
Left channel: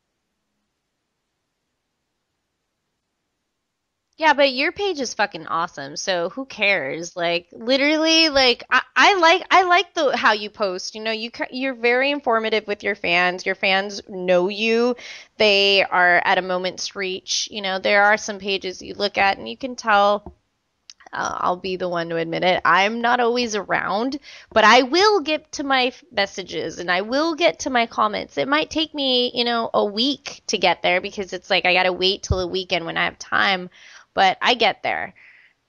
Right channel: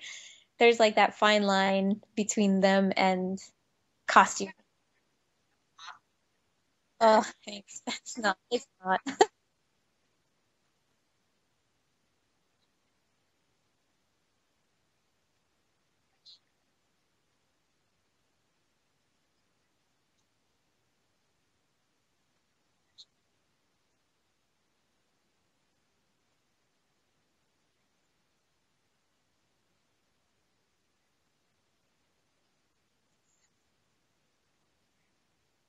There's like that fine line between them and Yeah, costume. but your page is fucking awesome. So who cares? Oh, Like thanks. literally, No, like it's not. I like the how you post. You know, you're very informative with your fans. Your fans know you. They are at a moment's reach. You know, there are some pages you look at and you can tell. I'll be the one to admit it. I'm not always around, but I will get to my messages and I will get to my comments. It might take me, a week to get there because it's like I gotta wait till the weekend when I have time, but I get there.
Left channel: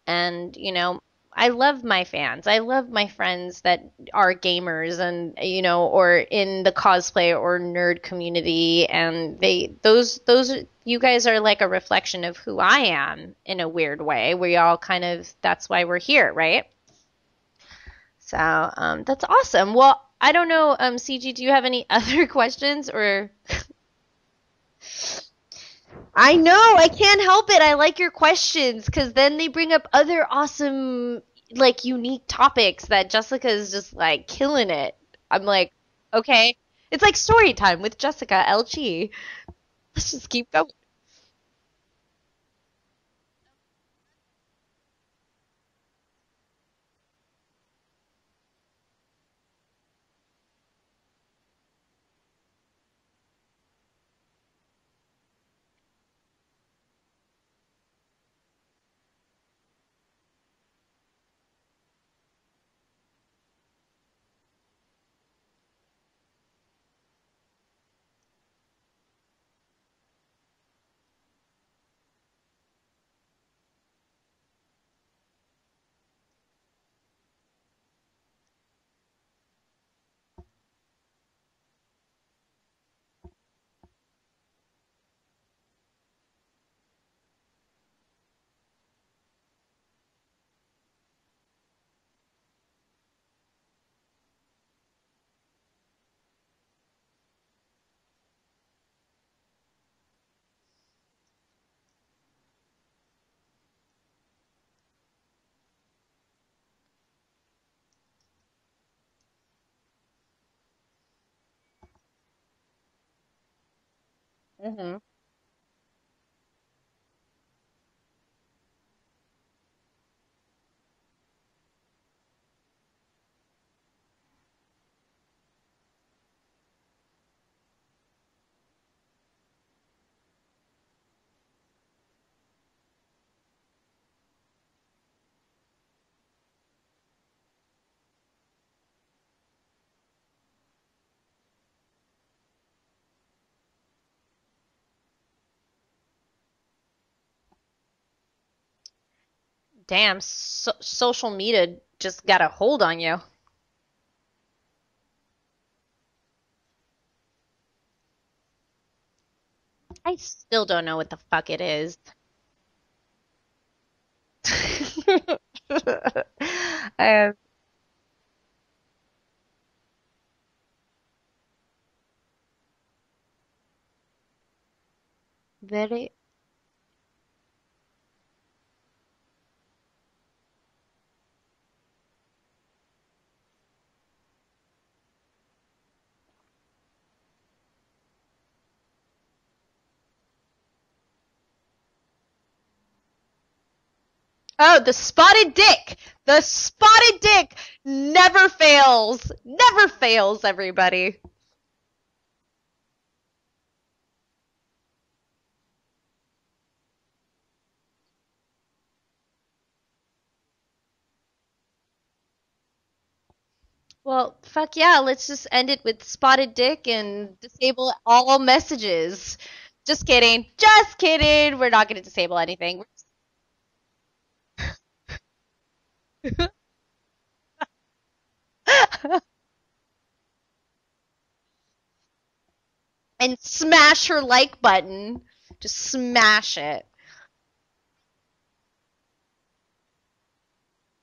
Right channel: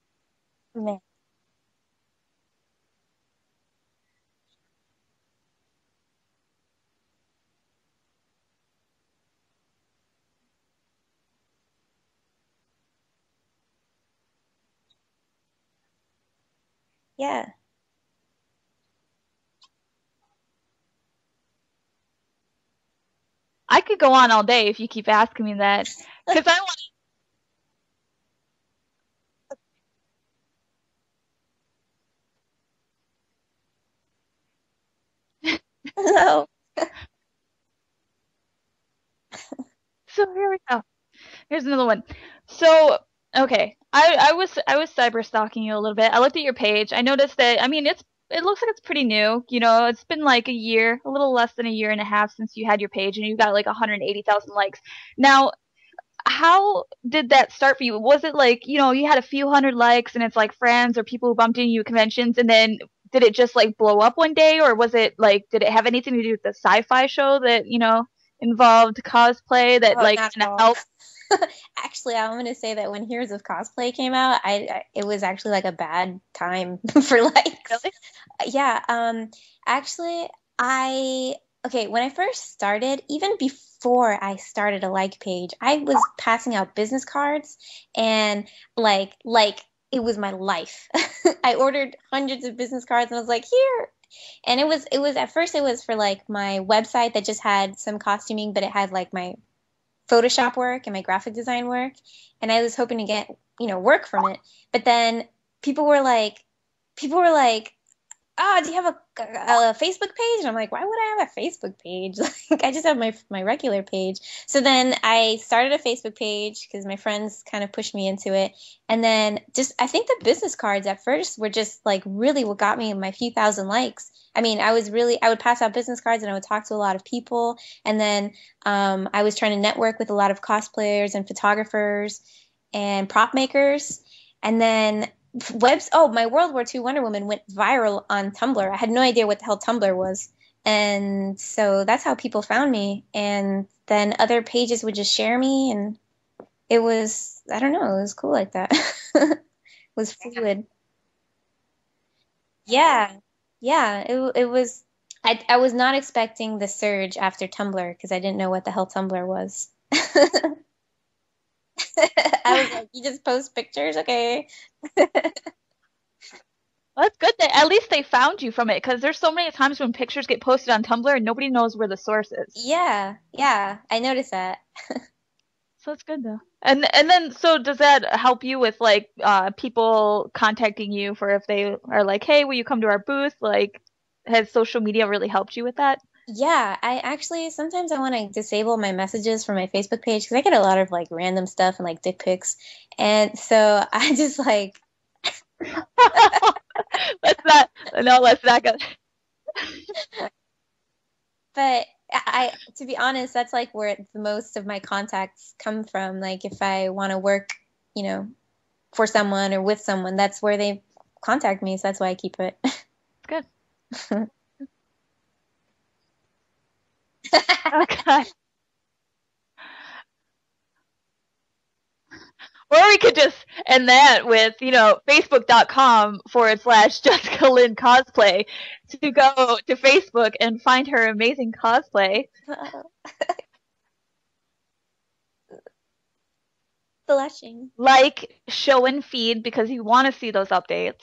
And, Yeah. I love my fans. I love my friends that are gamers and, or in the cosplay or nerd community. And you guys are like a reflection of who I am in a weird way. We all kind of, that's why we're here, right? Yeah. So, that's awesome. Well, I don't know, CG, do you have any other questions or? I could go on all day if you keep asking me that. I know, I can't help it. I like your questions because then they bring up other awesome, like, unique topics that Jessica is just like killing it. I'm like, okay. It's like story time with Jessica LG. Let's So just keep here we going. go. Here's another one. So, okay, I was cyber stalking you a little bit. I looked at your page. I noticed that. I mean, it looks like it's pretty new. It's been like a year, a little less than a year and a half since you had your page, and you got like 180,000 likes. Now, how did that start for you? Was it like you had a few hundred likes, and it's like friends or people who bumped into you at conventions, and then did it just like blow up one day, or was it like did it have anything to do with the sci-fi show that involved cosplay that Oh, like not kind at of all. helped? Actually, I'm gonna say that when Heroes of Cosplay came out, it was actually like a bad time for likes. Really? Yeah. Actually, I okay, when I first started, even before I started a like page, I was passing out business cards and like it was my life. I ordered hundreds of business cards and I was like, here. And it was at first it was for like my website that just had some costuming, but it had like my Photoshop work and my graphic design work, and I was hoping to get work from it. But then people were like, "Oh, do you have a Facebook page?" And I'm like, "Why would I have a Facebook page? Like, I just have my regular page." So then I started a Facebook page because my friends kind of pushed me into it, and then I think the business cards at first were just like really what got me my few thousand likes. I mean, I would pass out business cards and I would talk to a lot of people, and then I was trying to network with a lot of cosplayers and photographers and prop makers, and then my World War II Wonder Woman went viral on Tumblr. I had no idea what the hell Tumblr was. And so that's how people found me. And then other pages would just share me, and it was, I don't know, it was cool like that. Damn, fluid. social media just got a hold on Yeah. you. Yeah, it was I was not expecting the surge after Tumblr because I didn't know what the hell Tumblr was. I still don't know what the fuck it is. I was like, you just post pictures? Okay. That's good that at least they found you from it, because there's so many times when pictures get posted on Tumblr and nobody knows where the source is. Yeah, I noticed that. That's good though. And then, so does that help you with like people contacting you for if they are like, hey, will you come to our booth? Like, has social media really helped you with that? Yeah, I actually sometimes I want to disable my messages from my Facebook page because I get a lot of like random stuff and like dick pics, and so I just like the spotted dick. The spotted dick never fails. Never fails, everybody. But I, to be honest, that's like where the most of my contacts come from. Like if I want to work, you know, for someone or with someone, that's where they contact me. So that's why I keep it. Good. Well, fuck yeah, let's just end it with spotted dick and disable all messages. Just kidding. Just kidding. We're not going to disable anything. Or we could just end that with, facebook.com/Jessica Lynn Cosplay. To go to Facebook and find her amazing cosplay. And smash her like button. Just smash it. Blushing. Like, show, and feed because you want to see those updates.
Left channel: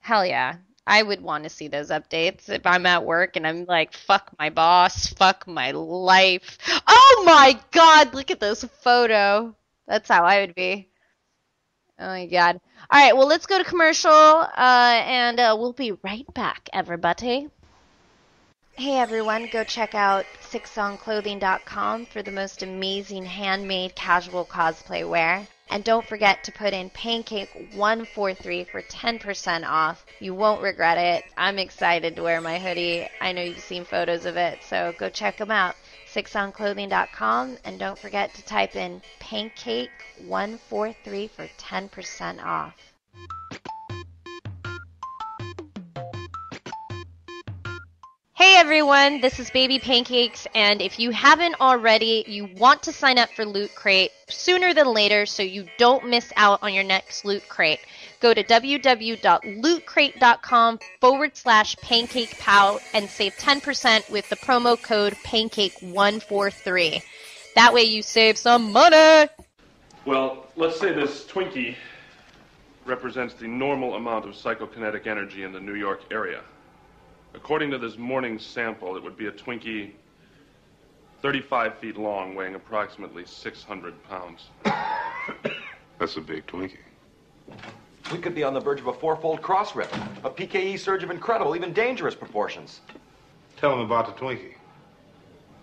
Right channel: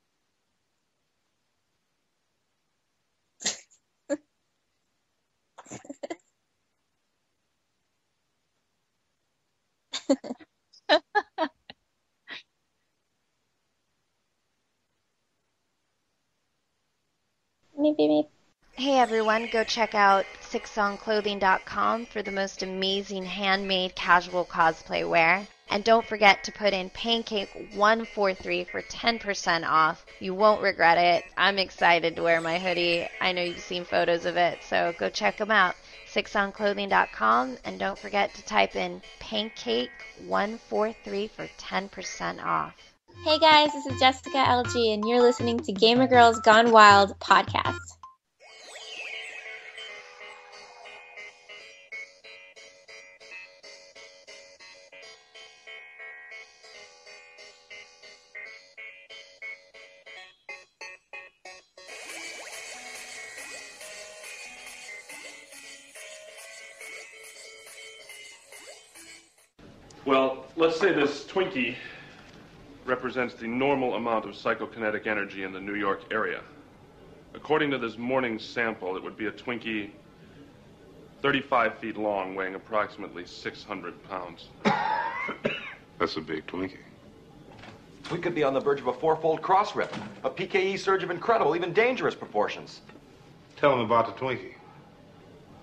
Hell yeah. I would want to see those updates if I'm at work and I'm like, fuck my boss, fuck my life. Oh my god, look at this photo. That's how I would be. Oh my god. All right, well, let's go to commercial, and we'll be right back, everybody. Maybe. Hey everyone, go check out sixsongclothing.com for the most amazing handmade casual cosplay wear. And don't forget to put in Pancake143 for 10% off. You won't regret it. I'm excited to wear my hoodie. I know you've seen photos of it, so go check them out. sixsongclothing.com, and don't forget to type in Pancake143 for 10% off. Hey guys, this is Jessica LG, and you're listening to Gamer Girls Gone Wild podcast. Hey everyone, this is Baby Pancakes, and if you haven't already, you want to sign up for Loot Crate sooner than later so you don't miss out on your next Loot Crate. Go to www.lootcrate.com/PancakePow and save 10% with the promo code Pancake143. That way you save some money! Well, let's say this Twinkie represents the normal amount of psychokinetic energy in the New York area. According to this morning's sample, it would be a Twinkie 35 feet long, weighing approximately 600 pounds. That's a big Twinkie. We could be on the verge of a fourfold cross rip, a PKE surge of incredible, even dangerous proportions. Tell him about the Twinkie.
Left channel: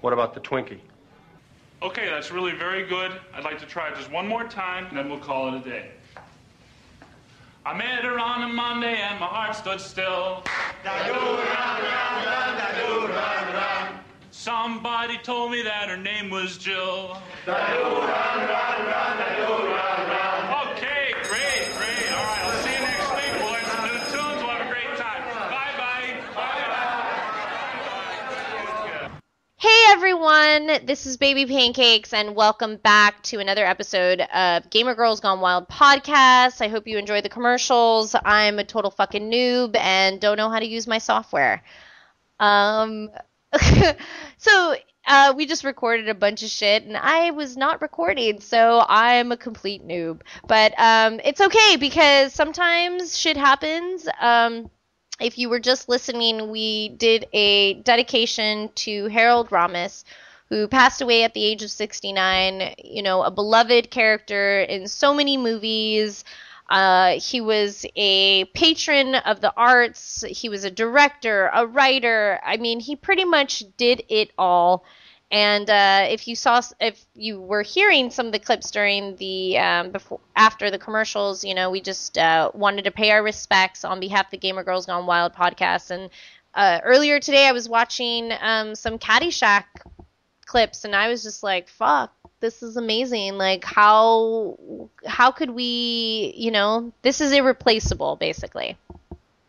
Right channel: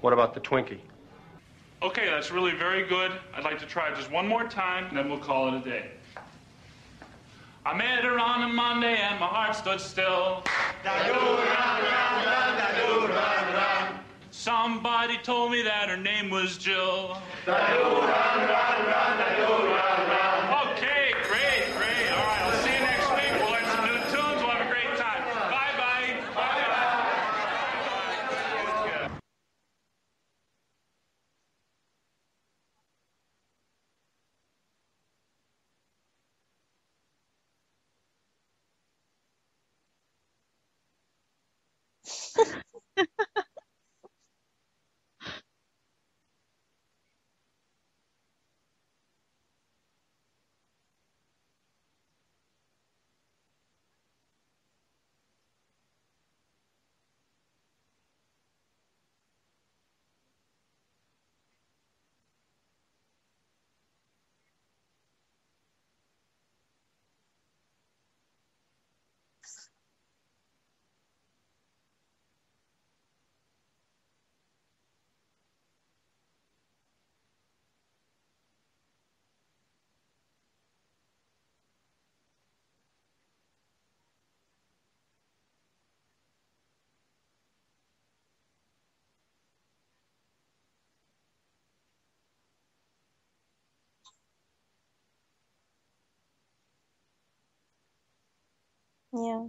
What about the Twinkie? Okay, that's really very good. I'd like to try it just one more time, and then we'll call it a day. I met her on a Monday and my heart stood still. Somebody told me that her name was Jill. Okay, great. All right, I'll see you next week. We'll learn some new tunes. We'll have a great time. Bye-bye. Hey everyone, this is Baby Pancakes, and welcome back to another episode of Gamer Girls Gone Wild podcast. I hope you enjoy the commercials. I'm a total fucking noob and don't know how to use my software. So we just recorded a bunch of shit, and I was not recording, so I'm a complete noob. But it's okay, because sometimes shit happens. If you were just listening, we did a dedication to Harold Ramis, who passed away at the age of 69, a beloved character in so many movies. He was a patron of the arts. He was a director, a writer. I mean, he pretty much did it all. And if you were hearing some of the clips during the after the commercials, we just wanted to pay our respects on behalf of the Gamer Girls Gone Wild podcast. And earlier today, I was watching some Caddyshack clips, and I was just like, "Fuck, this is amazing! Like, how could we, this is irreplaceable, basically." Yeah.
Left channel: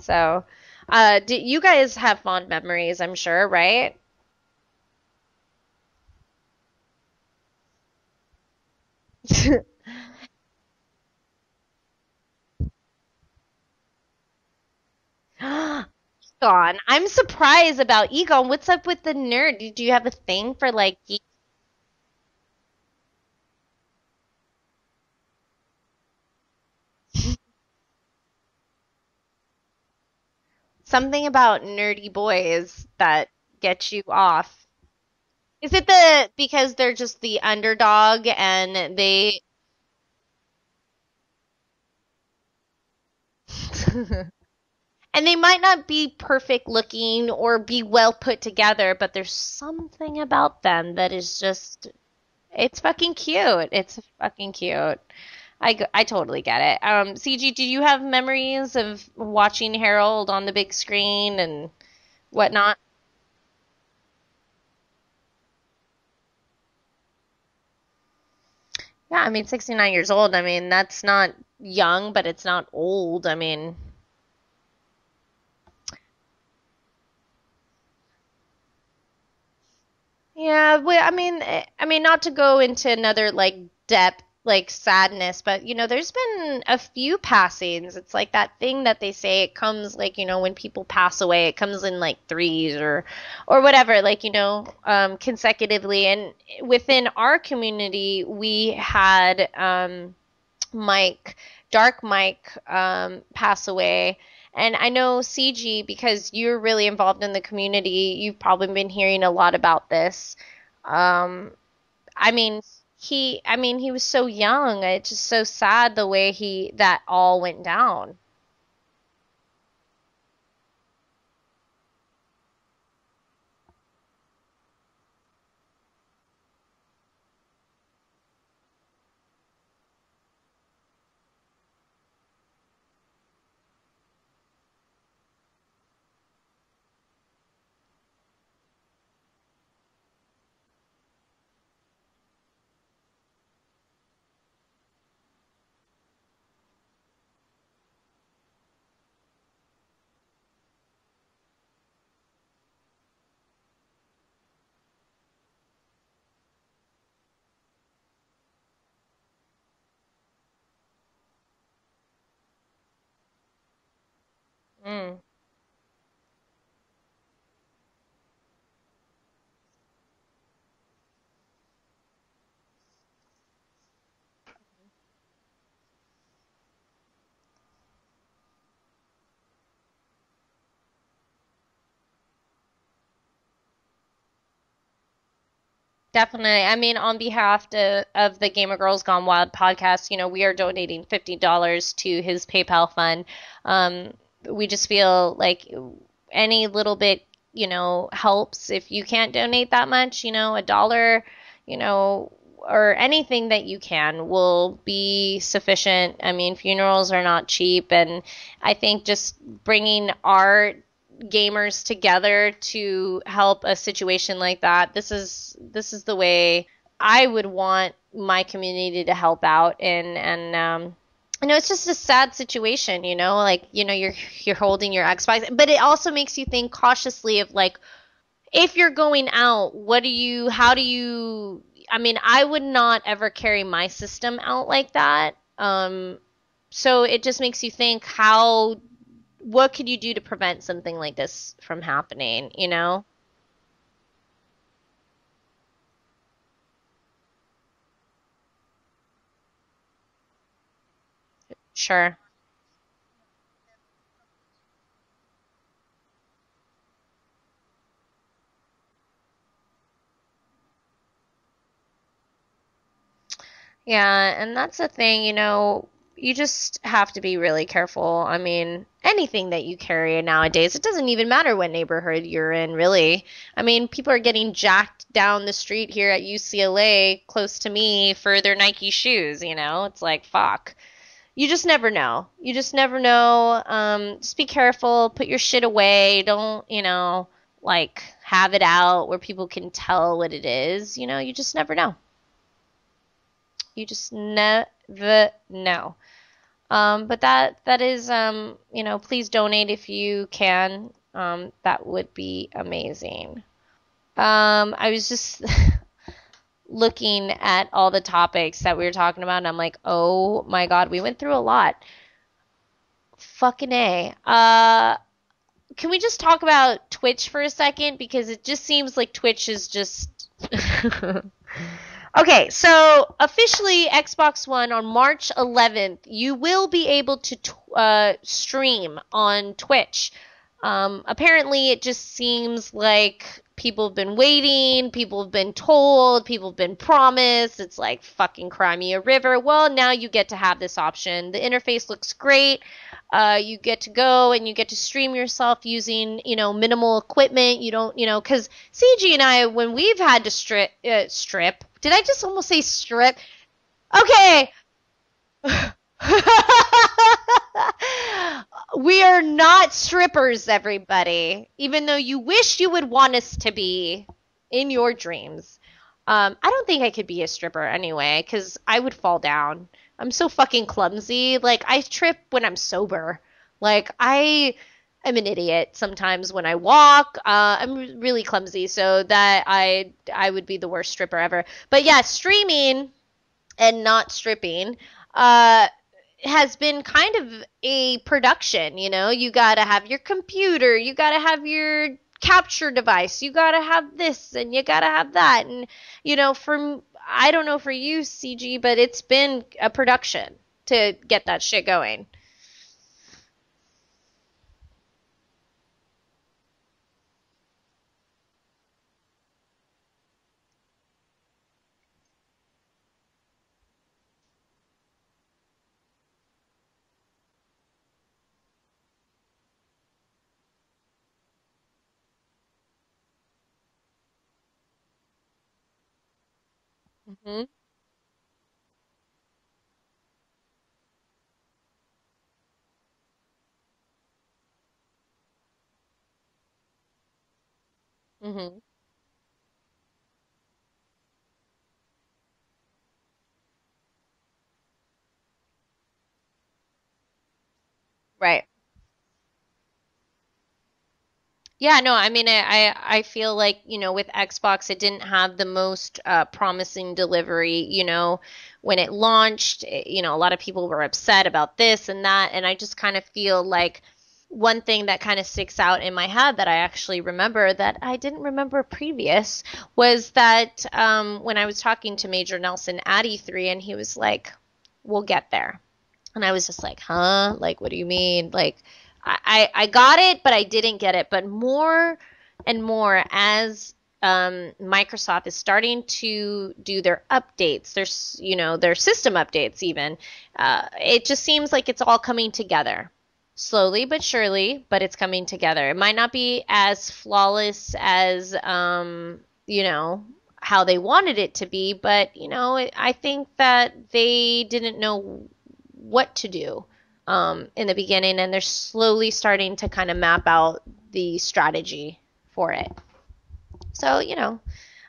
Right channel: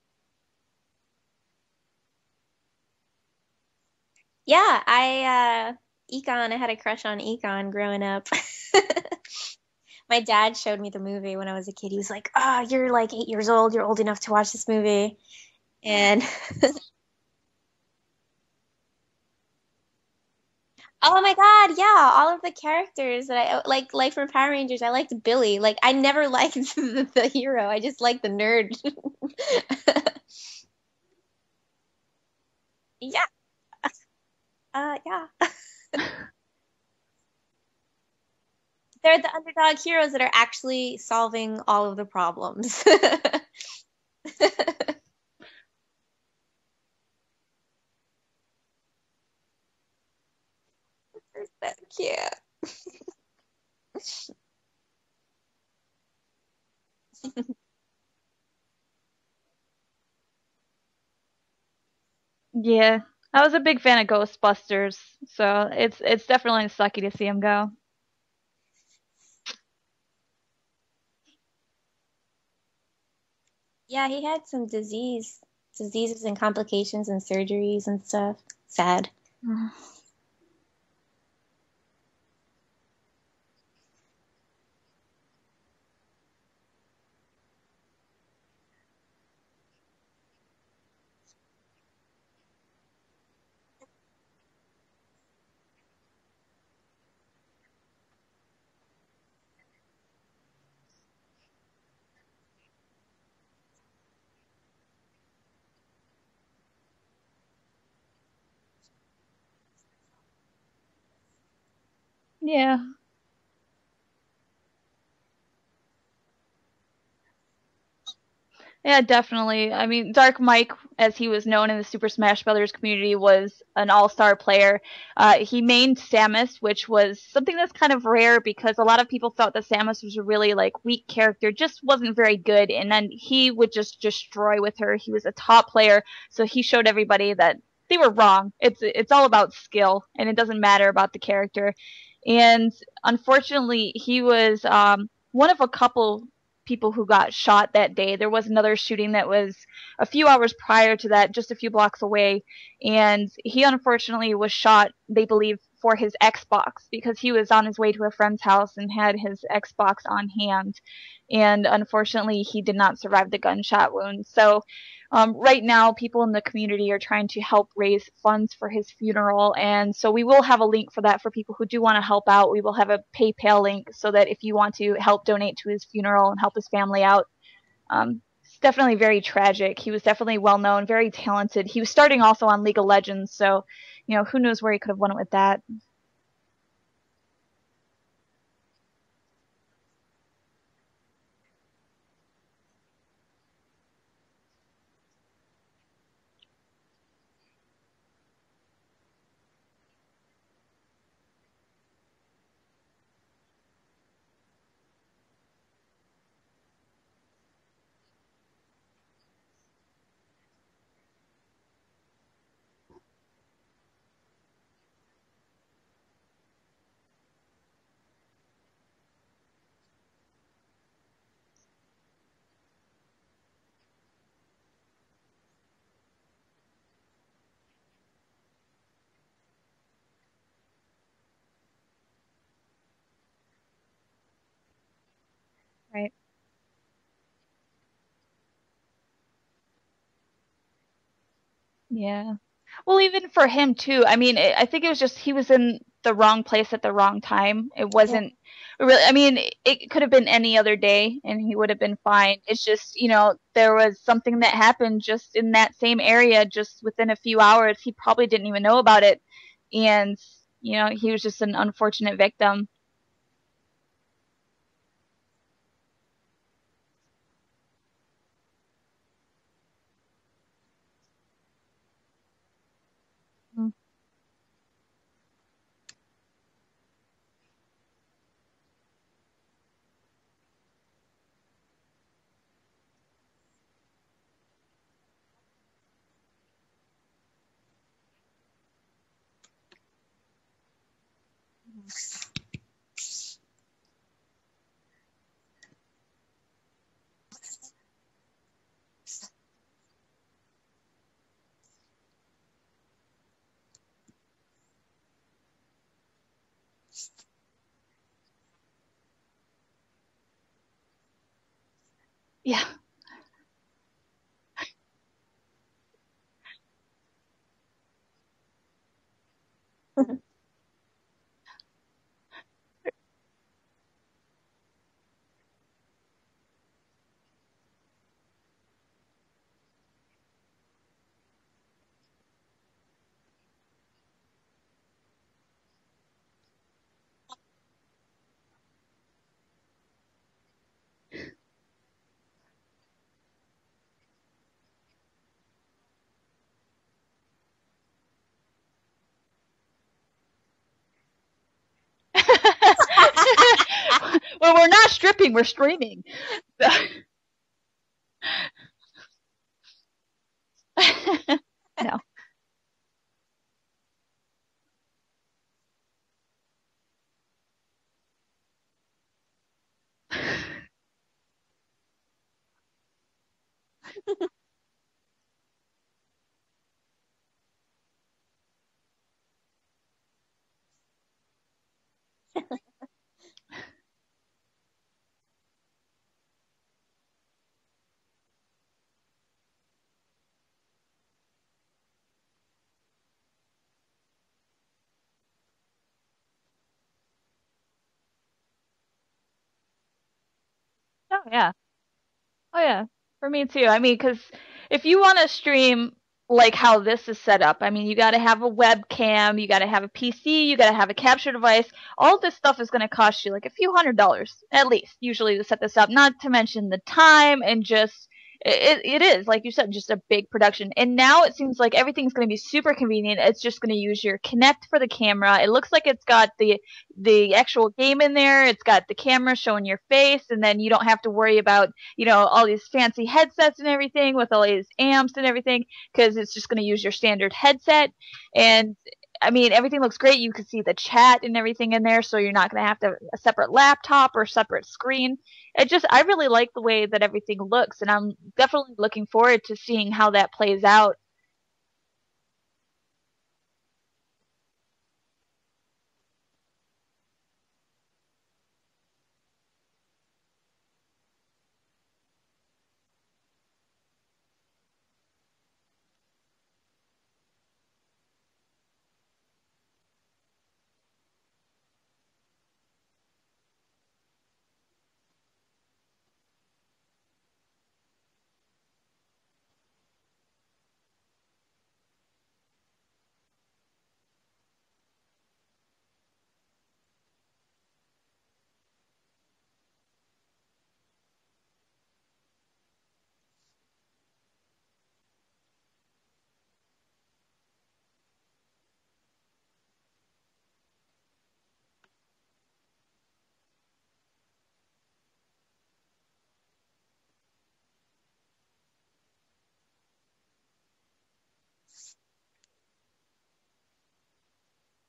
So, did you guys have fond memories? I'm sure, right? Yeah, I had a crush on Econ growing up. My dad showed me the movie when I was a kid. He was like, "Oh, you're like 8 years old. You're old enough to watch this movie." And God, I'm surprised about Egon. What's up with the nerd? Do you have a thing for like? oh my God, yeah, all of the characters that I like from Power Rangers. I liked Billy. Like I never liked the hero. I just liked the nerd. Something about nerdy boys that gets you off? Yeah. Is it because they're just the underdog and They're they the underdog heroes that are actually solving all of the problems. and they might not be perfect looking or be well put together, but there's something about them that is just Yeah. it's fucking cute. It's fucking cute. I totally get it. CG, do you have memories of watching Harold on the big screen and whatnot? Yeah, I was a big fan of Ghostbusters, so it's definitely sucky to see him go. Yeah, I mean, 69 years old. I mean, that's not young, but it's not old. I mean, Yeah, he had some diseases and complications and surgeries and stuff. Sad. yeah, well, I mean, not to go into another like depth, like sadness, but there's been a few passings. It's like that thing that they say it comes like, when people pass away, it comes in like threes or whatever, like, consecutively. And within our community, we had Dark Mike, pass away. And I know CG, because you're really involved in the community, you've probably been hearing a lot about this. I mean, Yeah. he was so young. It's just so sad the way that all went down. Yeah, definitely. I mean, Dark Mike, as he was known in the Super Smash Brothers community, was an all-star player. He mained Samus, which was something that's kind of rare because a lot of people thought that Samus was a really like weak character, just wasn't very good, and then he would just destroy with her. He was a top player, so he showed everybody that they were wrong. It's all about skill, and it doesn't matter about the character. And unfortunately, he was one of a couple people who got shot that day. There was another shooting that was a few hours prior to that, just a few blocks away, and he unfortunately was shot, they believe, for his Xbox because he was on his way to a friend's house and had his Xbox on hand. And unfortunately, he did not survive the gunshot wound. So, right now, people in the community are trying to help raise funds for his funeral. And so, we will have a link for that for people who do want to help out. We will have a PayPal link so that if you want to help donate to his funeral and help his family out, it's definitely very tragic. He was definitely well known, very talented. He was starting also on League of Legends. So, who knows where he could have went with that. Definitely. I mean, on behalf of the Gamer Girls Gone Wild podcast, we are donating $50 to his PayPal fund. We just feel like any little bit, helps. If you can't donate that much, a dollar, or anything that you can will be sufficient. I mean, funerals are not cheap, and I think just bringing our gamers together to help a situation like that, this is the way I would want my community to help out. And it's just a sad situation, like you're holding your Xbox, but it also makes you think cautiously of like, if you're going out, how do you I mean, I would not ever carry my system out like that. Right. So it just makes you think, what could you do to prevent something like this from happening, Well, even for him too. I mean, I think it was just he was in the wrong place at the wrong time. It wasn't really. I mean, it could have been any other day, and he would have been Sure. fine. It's just there was something that happened just in that same area, just within a few hours. He probably didn't even know about it, and he was just an unfortunate victim. Yeah, and that's the thing, you just have to be really careful. I mean, anything that you carry nowadays, it doesn't even matter what neighborhood you're in, really. I mean, people are getting jacked down the street here at UCLA close to me for their Nike shoes, It's like, fuck. You just never know. You just never know. Just be careful. Put your shit away. Don't, like have it out where people can tell what it is. You just never know. You just never know. But that is, please donate if you can. That would be amazing. I was just looking at all the topics that we were talking about, and I'm like, oh my God, we went through a lot. Yeah. Fucking A. Can we just talk about Twitch for a second? Because it just seems like Twitch is just... Okay, so officially Xbox One on March 11th, you will be able to stream on Twitch. Apparently it just seems like people have been waiting, people have been told, people have been promised. It's like fucking cry me a river. Well, now you get to have this option. The interface looks great. You get to go and you get to stream yourself using, minimal equipment. You don't, because CG and I, when we've had to strip, did I just almost say strip? Okay. Well, we're not stripping, we're streaming. We are not strippers, everybody. Even though you wish you would want us to be in your dreams. I don't think I could be a stripper anyway, because I would fall down. I'm so fucking clumsy. Like, I trip when I'm sober. Like, I'm an idiot sometimes when I walk. I'm really clumsy, so that I would be the worst stripper ever. But yeah, streaming and not stripping has been kind of a production, You gotta have your computer, you gotta have your capture device, you gotta have this, and you gotta have that. And, I don't know for you, CG, but it's been a production to get that shit going. Oh, yeah. For me, too. I mean, because if you want to stream like how this is set up, I mean, you got to have a webcam, you got to have a PC, you got to have a capture device. All this stuff is going to cost you like a few $100s, at least, usually to set this up. Not to mention the time and just... It is, like you said, just a big production. And now it seems like everything's going to be super convenient. It's just going to use your Kinect for the camera. It looks like it's got the actual game in there. It's got the camera showing your face, and then you don't have to worry about, all these fancy headsets and everything with all these amps and everything, because it's just going to use your standard headset. Mm-hmm. And I mean, everything looks great. You can see the chat and everything in there, so you're not going to have a separate laptop or separate screen. I really like the way that everything looks, and I'm definitely looking forward to seeing how that plays out. Yeah, no, I mean, I feel like, with Xbox, it didn't have the most promising delivery, when it launched, a lot of people were upset about this and that, and I just kind of feel like one thing that kind of sticks out in my head that I actually remember that I didn't remember previous was that when I was talking to Major Nelson at E3, and he was like, we'll get there. And I was just like, huh? Like, what do you mean? Like, I got it, but I didn't get it. But more and more as Microsoft is starting to do their updates, their system updates even, it just seems like it's all coming together. Slowly but surely, but it's coming together. It might not be as flawless as, how they wanted it to be, but, I think that they didn't know what to do in the beginning, and they're slowly starting to kind of map out the strategy for it. So,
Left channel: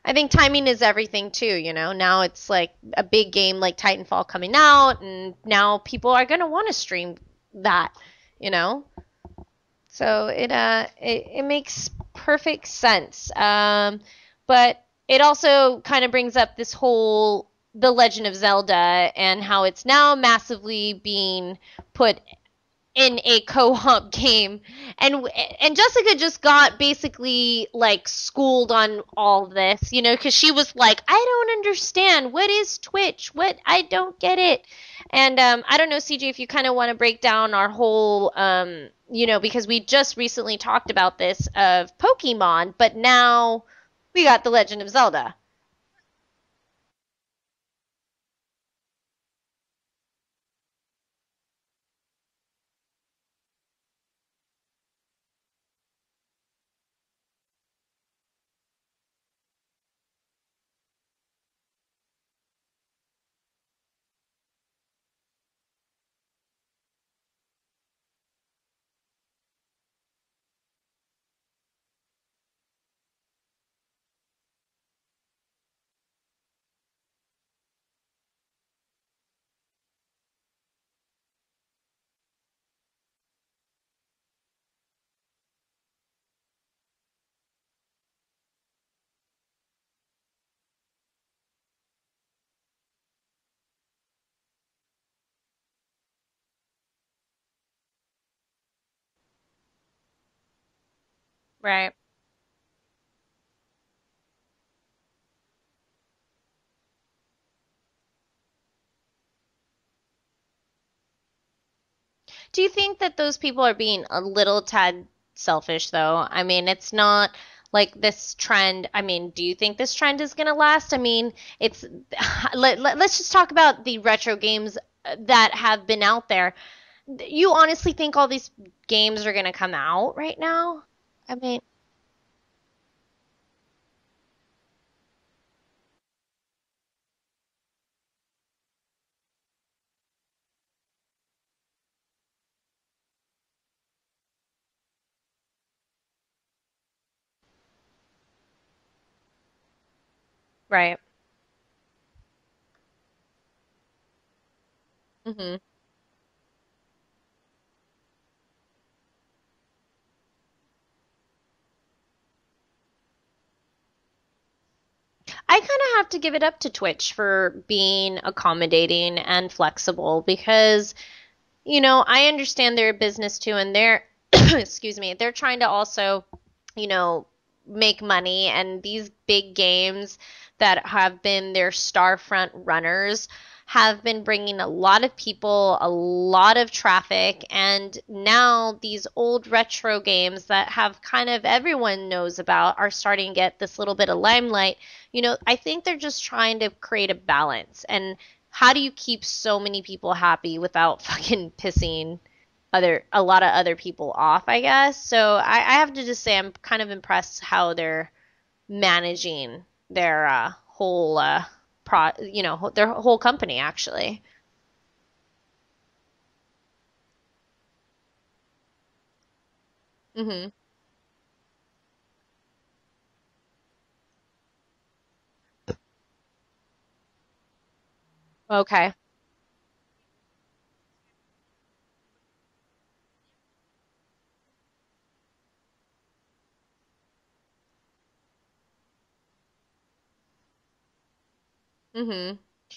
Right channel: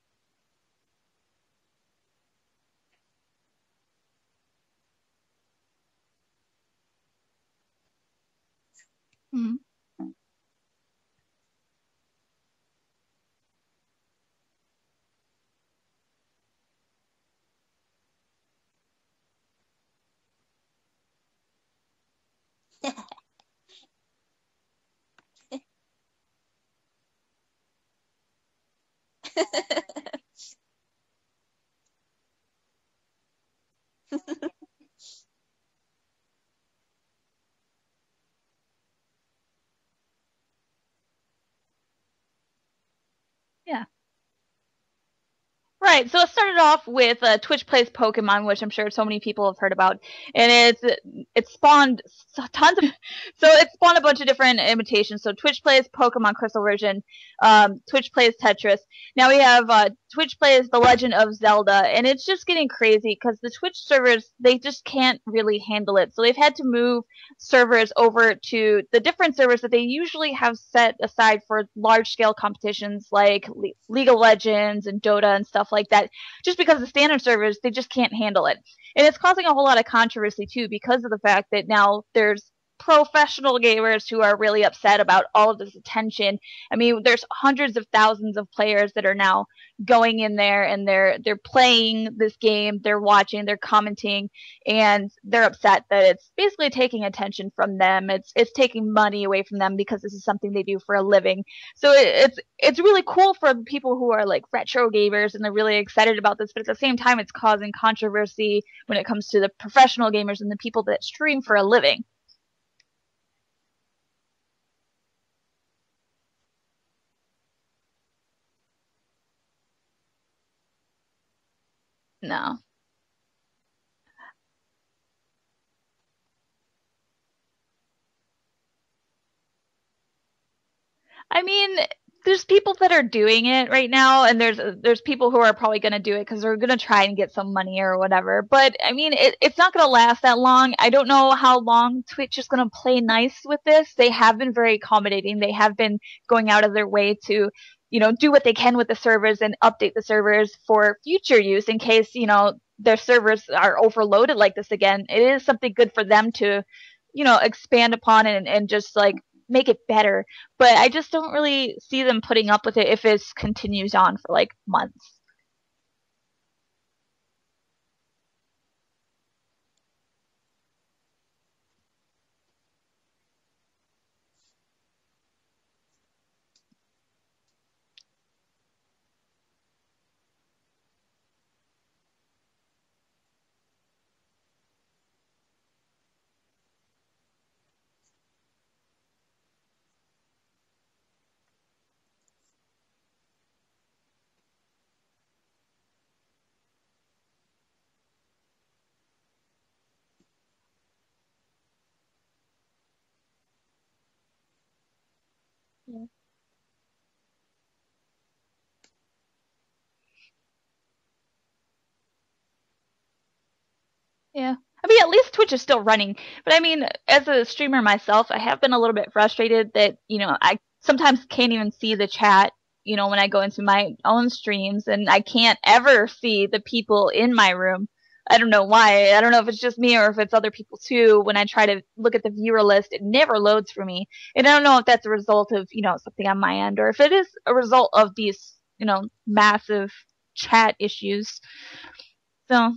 I think timing is everything too, Now it's like a big game like Titanfall coming out, and now people are going to want to stream that. Mm-hmm. So it makes perfect sense. But it also kind of brings up this whole The Legend of Zelda and how it's now massively being put in a co-op game. And Jessica just got basically like schooled on all this, because she was like, I don't understand. What is Twitch? I don't get it. And I don't know, CJ, if you kind of want to break down our whole, because we just recently talked about this of Pokemon, but now we got The Legend of Zelda. Right, so it started off with Twitch Plays Pokemon, which I'm sure so many people have heard about, and it spawned it spawned a bunch of different imitations. So Twitch Plays Pokemon Crystal version, Twitch Plays Tetris. Now we have Twitch Plays The Legend of Zelda, and it's just getting crazy because the Twitch servers, they just can't really handle it. So they've had to move servers over to the different servers that they usually have set aside for large-scale competitions like League of Legends and Dota and stuff like that, just because the standard servers, they just can't handle it. And it's causing a whole lot of controversy too, because of the fact that now there's professional gamers who are really upset about all of this attention. I mean, there's hundreds of thousands of players that are now going in there and they're playing this game, they're watching, they're commenting, and they're upset that it's basically taking attention from them. It's taking money away from them because this is something they do for a living. Right. So it's really cool for people who are like retro gamers and they're really excited about this, but at the same time it's causing controversy when it comes to the professional gamers and the people that stream for a living. Do you think that those people are being a little tad selfish, though? I mean, it's not like this trend. I mean, do you think this trend is going to last? I mean, it's let's just talk about the retro games that have been out there. You honestly think all these games are going to come out right now? I mean, there's people that are doing it right now, and there's people who are probably going to do it because they're going to try and get some money or whatever. But I mean, it's not going to last that long. I don't know how long Twitch is going to play nice with this. They have been very accommodating. They have been going out of their way to, do what they can with the servers and update the servers for future use in case, their servers are overloaded like this again. It is something good for them to, expand upon and just like make it better, but I just don't really see them putting up with it if it continues on for like months. I kind of have to give it up to Twitch for being accommodating and flexible because, I understand they're a business too, and they're, excuse me, they're trying to also, make money, and these big games that have been their star front runners have been bringing a lot of people, a lot of traffic, and now these old retro games that have kind of everyone knows about are starting to get this little bit of limelight. I think they're just trying to create a balance. And how do you keep so many people happy without fucking pissing a lot of other people off, I guess? So I have to just say I'm kind of impressed how they're managing their whole their whole company, actually. Yeah. I mean, at least Twitch is still running. But I mean, as a streamer myself, I have been a little bit frustrated that, I sometimes can't even see the chat, when I go into my own streams, and I can't ever see the people in my room. I don't know why. I don't know if it's just me or if it's other people too. When I try to look at the viewer list, it never loads for me. And I don't know if that's a result of, something on my end, or if it is a result of these, massive chat issues. So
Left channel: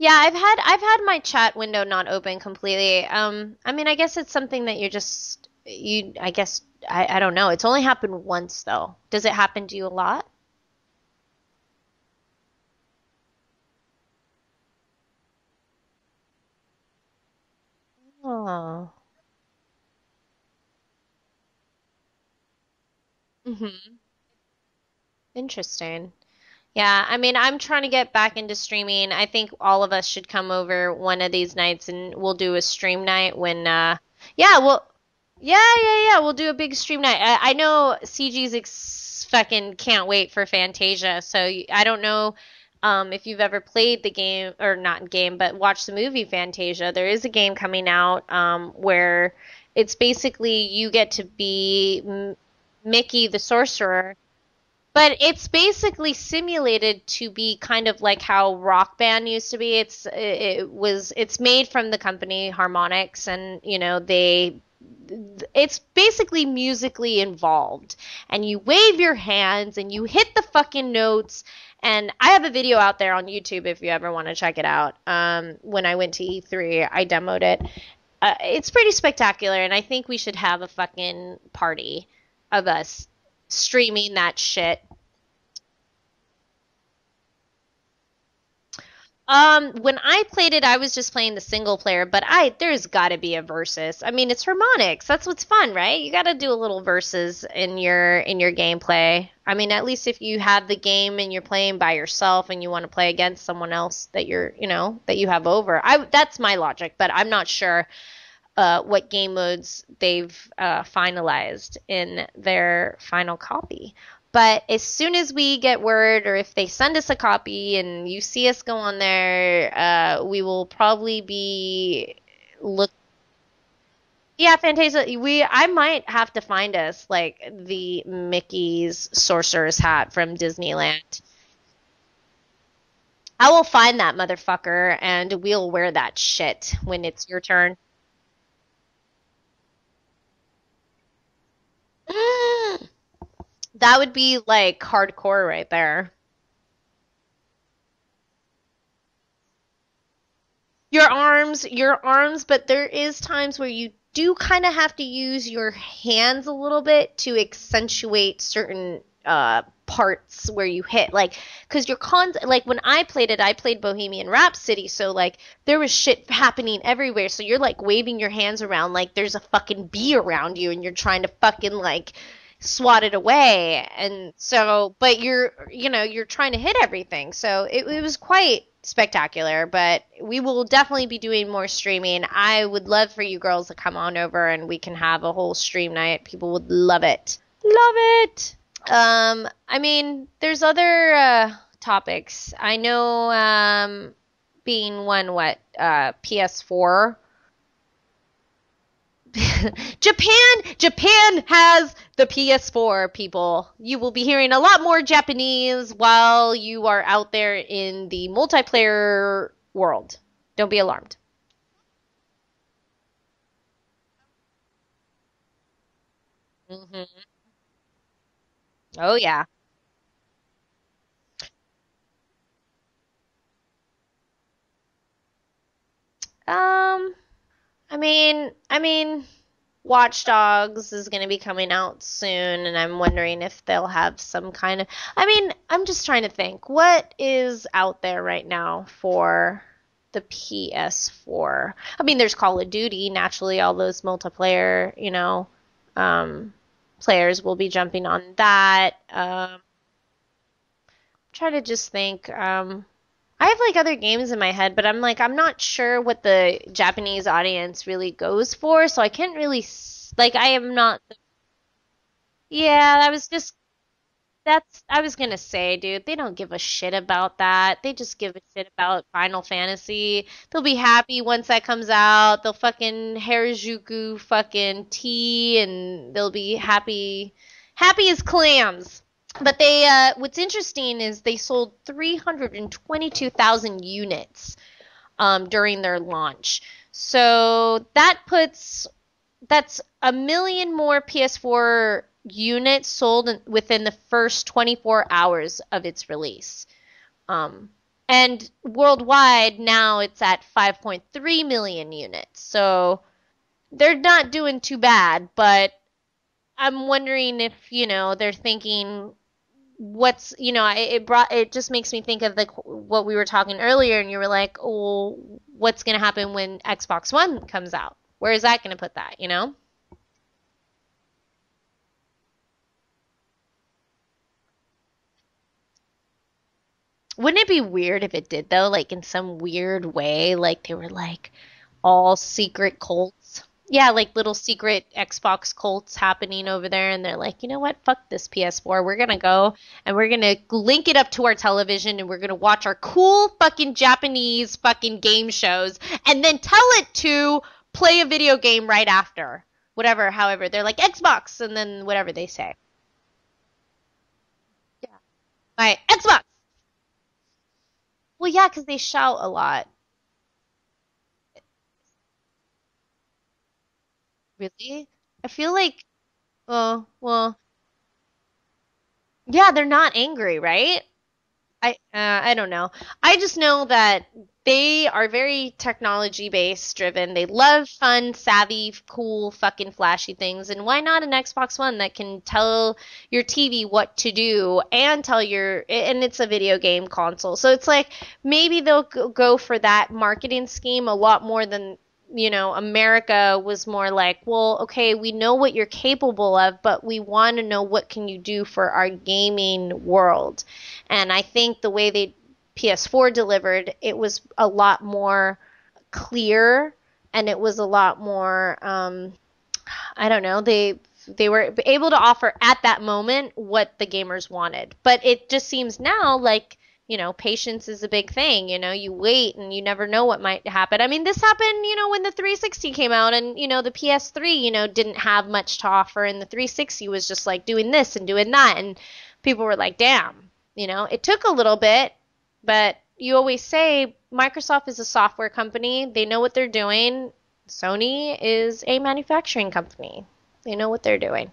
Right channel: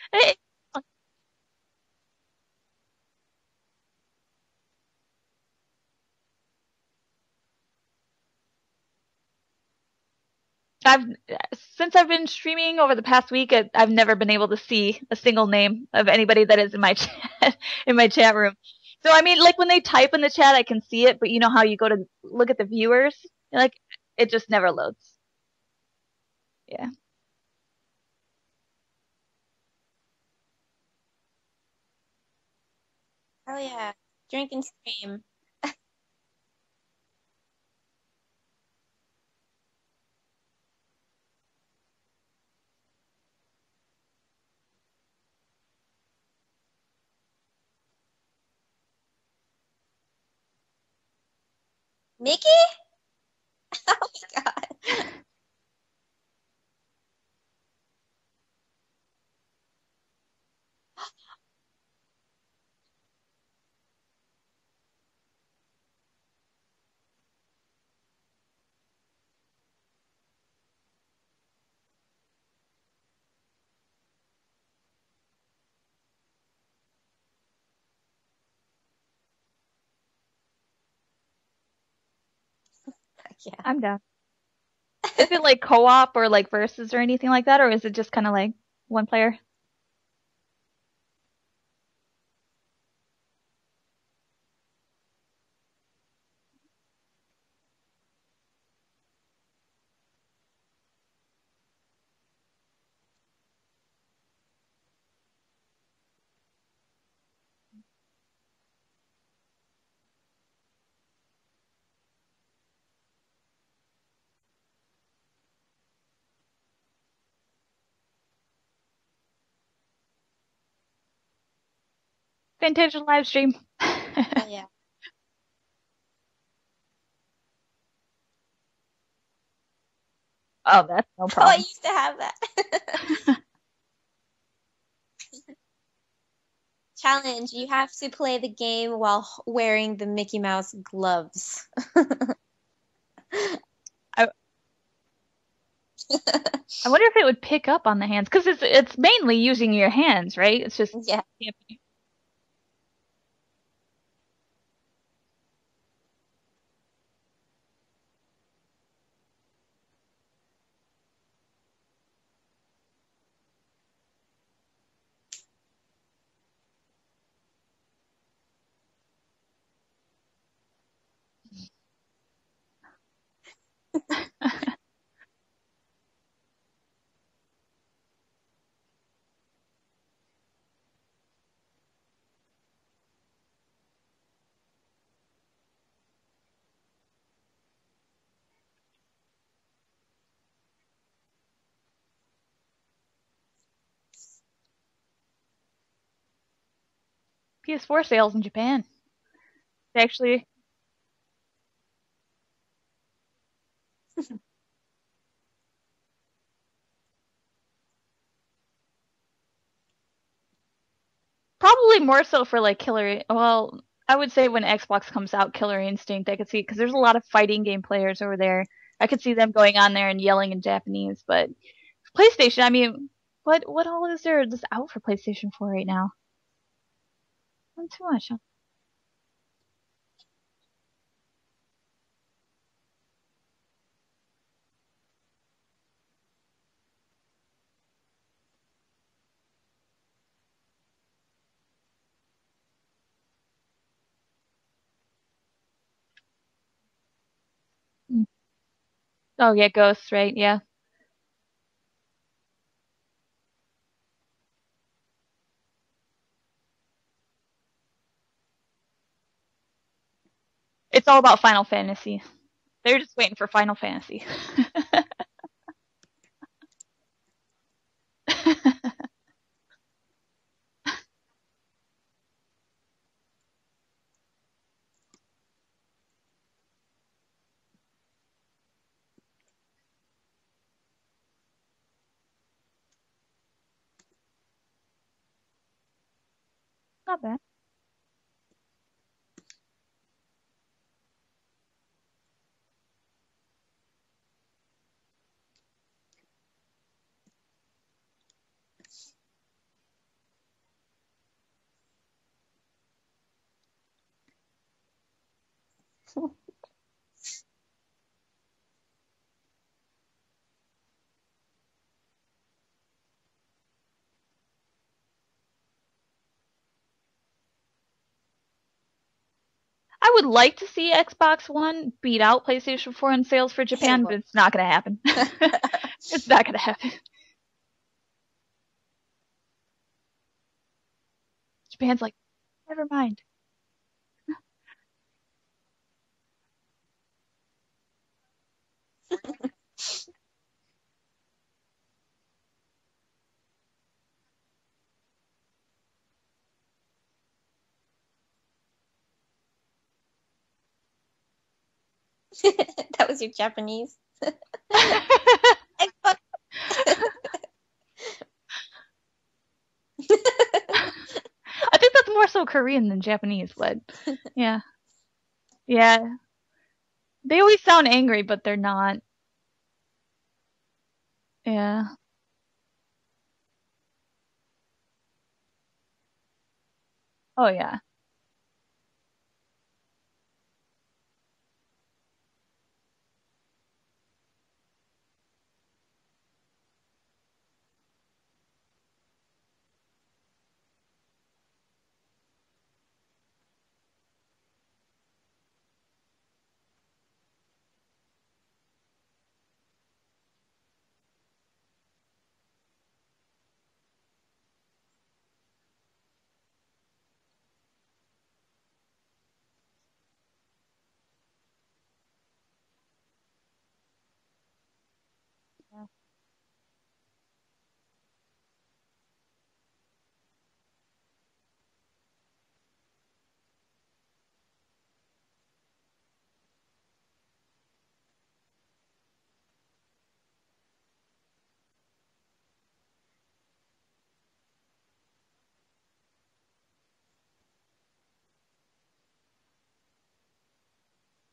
yeah, I've had my chat window not open completely. I mean, I guess it's something that I don't know. It's only happened once though. Does it happen to you a lot? Since I've been streaming over the past week, I've never been able to see a single name of anybody that is in my chat room. So I mean, like when they type in the chat, I can see it, but you know how you go to look at the viewers, like it just never loads. Interesting. Yeah, I mean, I'm trying to get back into streaming. I think all of us should come over one of these nights and we'll do a stream night when we'll do a big stream night. I know CG's fucking can't wait for Fantasia. So I don't know if you've ever played the game, or not game, but watched the movie Fantasia. There is a game coming out where it's basically you get to be Mickey the sorcerer. Oh my God. But it's basically simulated to be kind of like how Rock Band used to be. It's made from the company Harmonix, and it's basically musically involved, and you wave your hands and you hit the fucking notes. And I have a video out there on YouTube if you ever want to check it out. When I went to E3, I demoed it. It's pretty spectacular, and I think we should have a fucking party of us streaming that shit. Is it like co-op or like versus or anything like that, or is it just kind of like one player? When I played it, I was just playing the single player, but there's got to be a versus. I mean, it's Harmonix. That's what's fun, right? You got to do a little versus in your gameplay. I mean, at least if you have the game and you're playing by yourself and you want to play against someone else that that you have over. That's my logic, but I'm not sure what game modes they've finalized in their final copy. But as soon as we get word, or if they send us a copy and you see us go on there, we will probably be Fantasia live stream. Yeah, Fantasia, I might have to find us like the Mickey's sorcerer's hat from Oh, Disneyland. that's no Oh, I problem. used to have that. I will find that motherfucker and we'll wear that shit when it's your Challenge, turn. you have to play the game while wearing the Mickey Mouse gloves. That would be like hardcore right there. I wonder if it would pick up on the hands, because it's mainly using your hands, right? It's just Your arms, but there is times where you do kind of have to use your hands a little bit to accentuate certain parts where you hit, like, because like when I played Bohemian Rhapsody, so like there was shit happening everywhere, so you're like waving your hands around like there's a fucking bee around you and you're trying to fucking like swat it away, and so but you're trying to hit everything, so it was quite spectacular. But we will definitely be doing more streaming. I would love for you girls to come on over and we can have a whole stream night. People would love it. I mean, there's other topics. I know being one PS4 sales in Japan. Japan has the PS4, people. You will be hearing a lot more Japanese while you are out there in the multiplayer world. Don't be alarmed. Probably more so for like well, I would say when Xbox comes out, Killer Instinct, I could see, because there's a lot of fighting game players over there. I could see them going on there and yelling in Japanese. But PlayStation, I mean, what all is there that's out for PlayStation 4 right now? I mean, Watch Dogs is going to be coming out soon, and I'm wondering if they'll have some kind of... I mean, I'm just trying to think. What is out there right now for the PS4? I mean, there's Call of Duty. Naturally, all those multiplayer, players will be jumping on that. Oh, yeah, Ghosts, right? Yeah. Try to just think. I have like other games in my head, but I'm not sure what the Japanese audience really goes for, so I can't really I am not. It's all about Final Fantasy. Yeah, They're I was waiting for Final Fantasy. I was gonna say, dude, they don't give a shit about that. They just give a shit about Final Fantasy. They'll be happy once that comes out. They'll fucking Harajuku fucking tea, and they'll be happy as clams. But they, what's interesting is they sold 322,000 units during their launch. So that's 1 million more PS4 units sold within the first 24 hours of its release. And worldwide now it's at 5.3 million units. So they're not doing too bad, but I'm wondering if, they're thinking what's, it just makes me think of like what we were talking earlier, and you were like, oh, what's going to happen when Xbox One comes out? Where is that going to put that, I would like to see Xbox One beat out PlayStation 4 in sales for Japan, but it's not going to happen. It's not going to happen. Wouldn't it be weird if it did, though? Like, in some weird way, like, they were, like, Japan's all like, secret never cults. mind. Yeah, like, little secret Xbox cults happening over there, and they're like, you know what? Fuck this PS4. We're gonna go, and we're gonna link it up to our television, and we're gonna watch our cool fucking Japanese fucking game shows, and then tell it to play a video game right after. Whatever, however, they're like Xbox, and then whatever they say. That was your Japanese. Right, Xbox. Well, yeah, because they shout a lot. I think that's more so Korean than Japanese, but yeah. Really? I feel like oh well. They always sound angry, but they're not. Yeah, they're not angry, right? Yeah. I don't know. I just know that they are very technology based driven. They love fun, savvy, cool, fucking flashy things. And why not an Xbox One that can tell your TV what to do and and it's a video game console. So it's like maybe they'll go for that marketing scheme a lot more than, America was more like, well, okay, we know what you're capable of, but we want to know what can you do for our gaming world. And I think the way they PS4 delivered, it was a lot more clear, and it was a lot more I don't know, they were able to offer at that moment what the gamers wanted. But it just seems now like, patience is a big thing. You wait and you never know what might happen. I mean, this happened, when the 360 came out and, the PS3, didn't have much to offer, and the 360 was just like doing this and doing that. And people were like, damn, it took a little bit, but you always say Microsoft is a software company. They know what they're doing. Sony is a manufacturing company. They know what they're doing.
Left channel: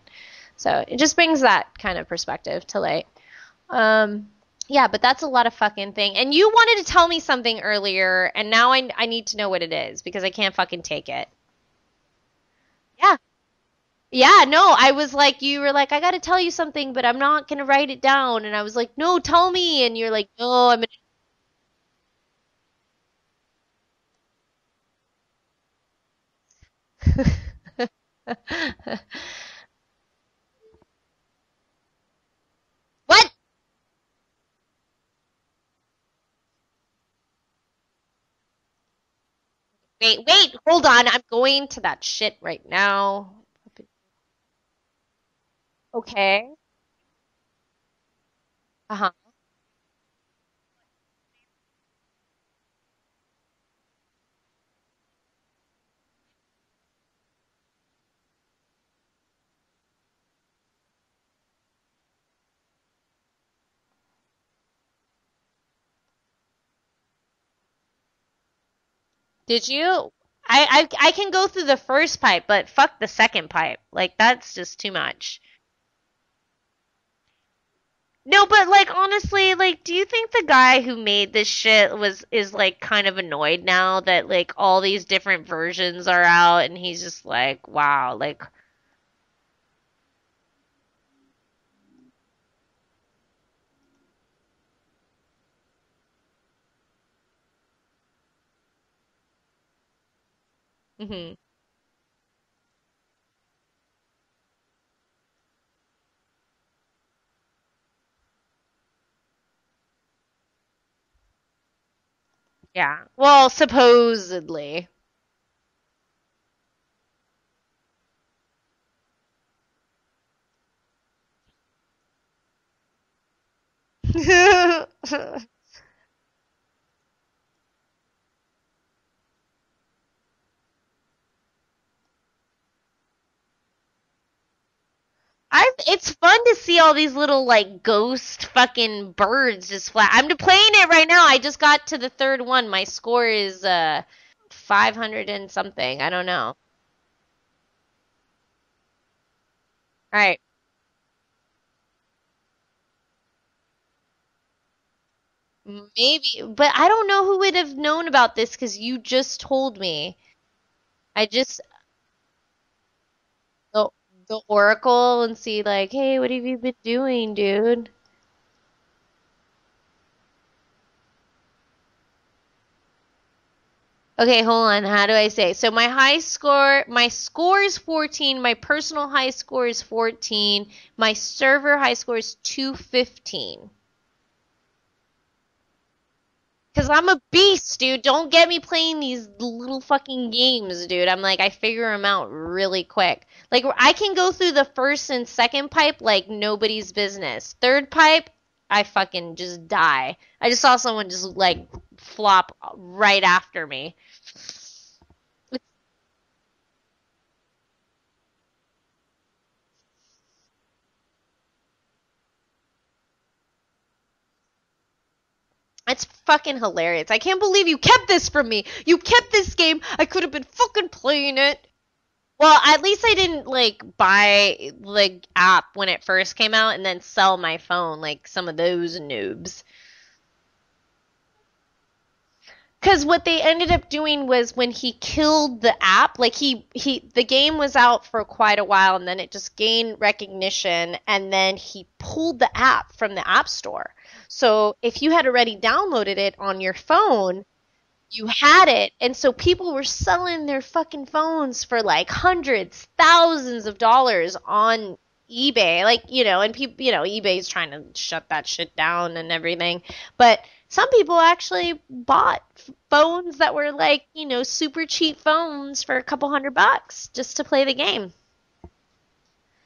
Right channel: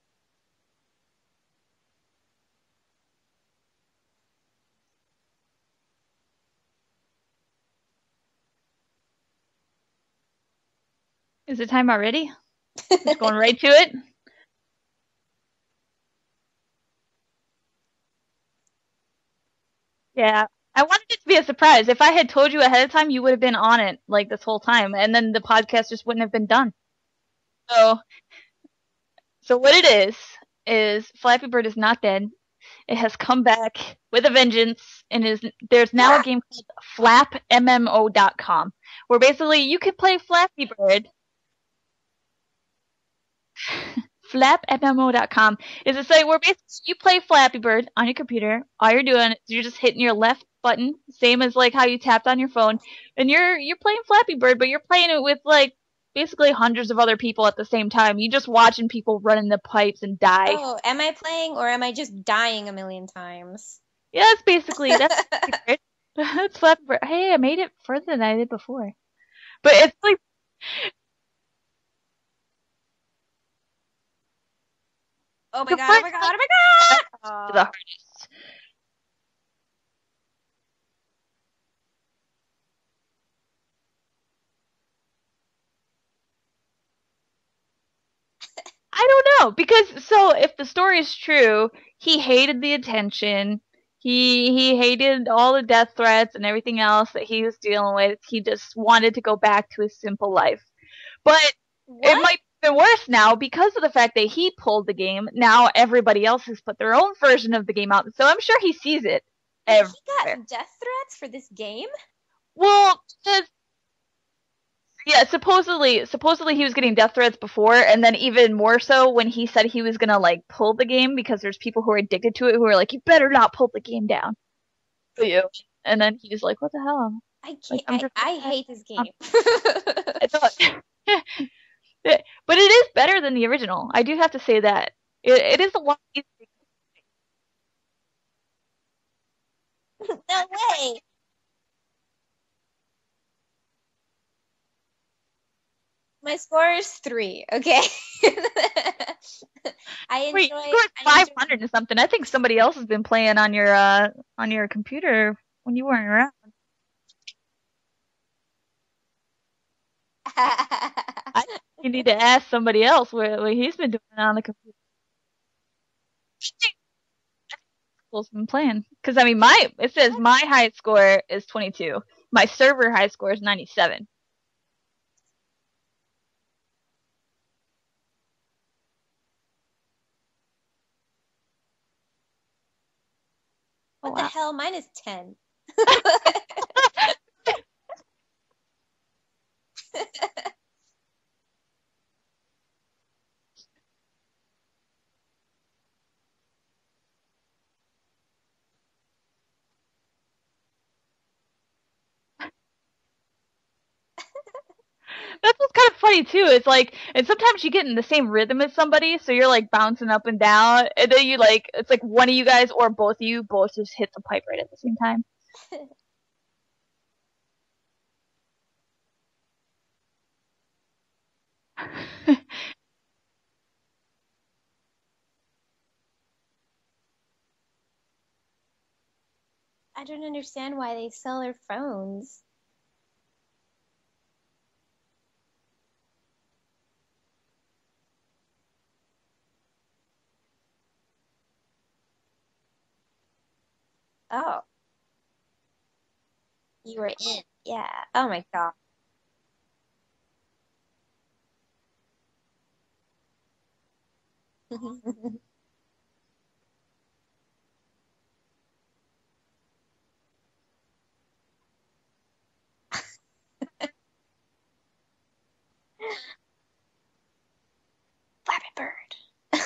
So it just brings that kind of perspective to light. Yeah, but that's a lot of fucking thing. And you wanted to tell me something earlier, and now I need to know what it is because I can't fucking take it. Is it time already? Yeah. Going right to it? Yeah, no, I was like, you were like, I got to tell you something, but I'm not going to write it down. And I was like, no, tell me. And you're like, yeah. oh, I wanted it to be a surprise. If I had told you ahead of time, you would have been on it like this whole time, and then the podcast just wouldn't have been done. So what it is Flappy Bird is not dead. It has come back with a vengeance, and there's now a game called FlapMMO.com, where basically you can play Flappy Bird. Hold on, I'm going to that shit right now. FlapMMO.com is a site where basically you play Flappy Bird on your computer. All you're doing is you're just hitting your left button, same as like how you tapped on your phone, and you're playing Flappy Bird, but you're playing it with like basically hundreds of other people at the same time. You just watching people run in the pipes and die. Oh, am I playing or am I just dying a million times? Yeah, that's basically that's Flappy Bird. Hey, I made it further than I did before. Did you? It's like, I can go through the first pipe, but fuck the second pipe. Like that's just too much. Oh my god! Oh my god! Oh my god! The hardest. No, but like honestly, like do you think the guy who made this shit is like kind of annoyed now that like all these different versions are out and he's just like, wow, like I don't know, because so if the story is true, he hated the attention. He hated all the death threats and everything else that he was dealing with. He just wanted to go back to his simple life. Mm-hmm. But it might be worse now because of the fact that he pulled the game. Now everybody else has put their own version of the game out, so I'm sure he sees it everywhere. He got death threats for this game? Well, yeah. Well, supposedly. Yeah, supposedly he was getting death threats before, and then even more so when he said he was gonna like pull the game because there's people who are addicted to it who are like, you better not pull the game down. And then he's like, what the hell? I can't. Like, I hate this game. But it is better than the original. I do have to say that. It's fun to see all these little like ghost fucking birds just fly. I'm playing it right now. I just got to the third one. My score is 500 and something. I don't know. My score is 3. Okay. Alright. Wait, you scored 500 and something. I think somebody else has been playing on your computer when you weren't around. But I don't know who would have known about this because you just told me. You need to ask somebody else what he's been doing on the Oracle and see like, hey, what have you been doing, dude? Who's been playing? Because I mean, it says my high score is 22. My server high score is 97. Okay, hold on. How do I say? So my score is 14. My personal high score is 14. My server high score is 215. What the hell? Mine is 10. Because I'm a beast, dude. Don't get me playing these little fucking games, dude. I'm like, I figure them out really quick. Like, I can go through the first and second pipe like nobody's business. Third pipe, I fucking just die. I just saw someone just, like, flop right after me. That's what's kind of funny, too. It's like, and sometimes you get in the same rhythm as somebody, so you're, like, bouncing up and down, and then you, like, it's like one of you guys or both of you both just hit the pipe right at the same time. It's fucking hilarious. I can't believe you kept this from me. You kept this game. I could have been fucking playing it. Well, at least I didn't, like, buy the app when it first came out and then sell my phone like some of those noobs. I don't understand why they sell their phones. Because what they ended up doing was when he killed the app, like the game was out for quite a while and then it just gained recognition and then he pulled the app from the app store. Oh. So if you had already downloaded it on your phone, you had it. And so people were selling their fucking phones for like hundreds, thousands of dollars on eBay. Like, and people, eBay's trying to shut that shit down and everything. But some people actually bought phones that were like, super cheap phones for a couple $100 just to play the game. Flappy Bird.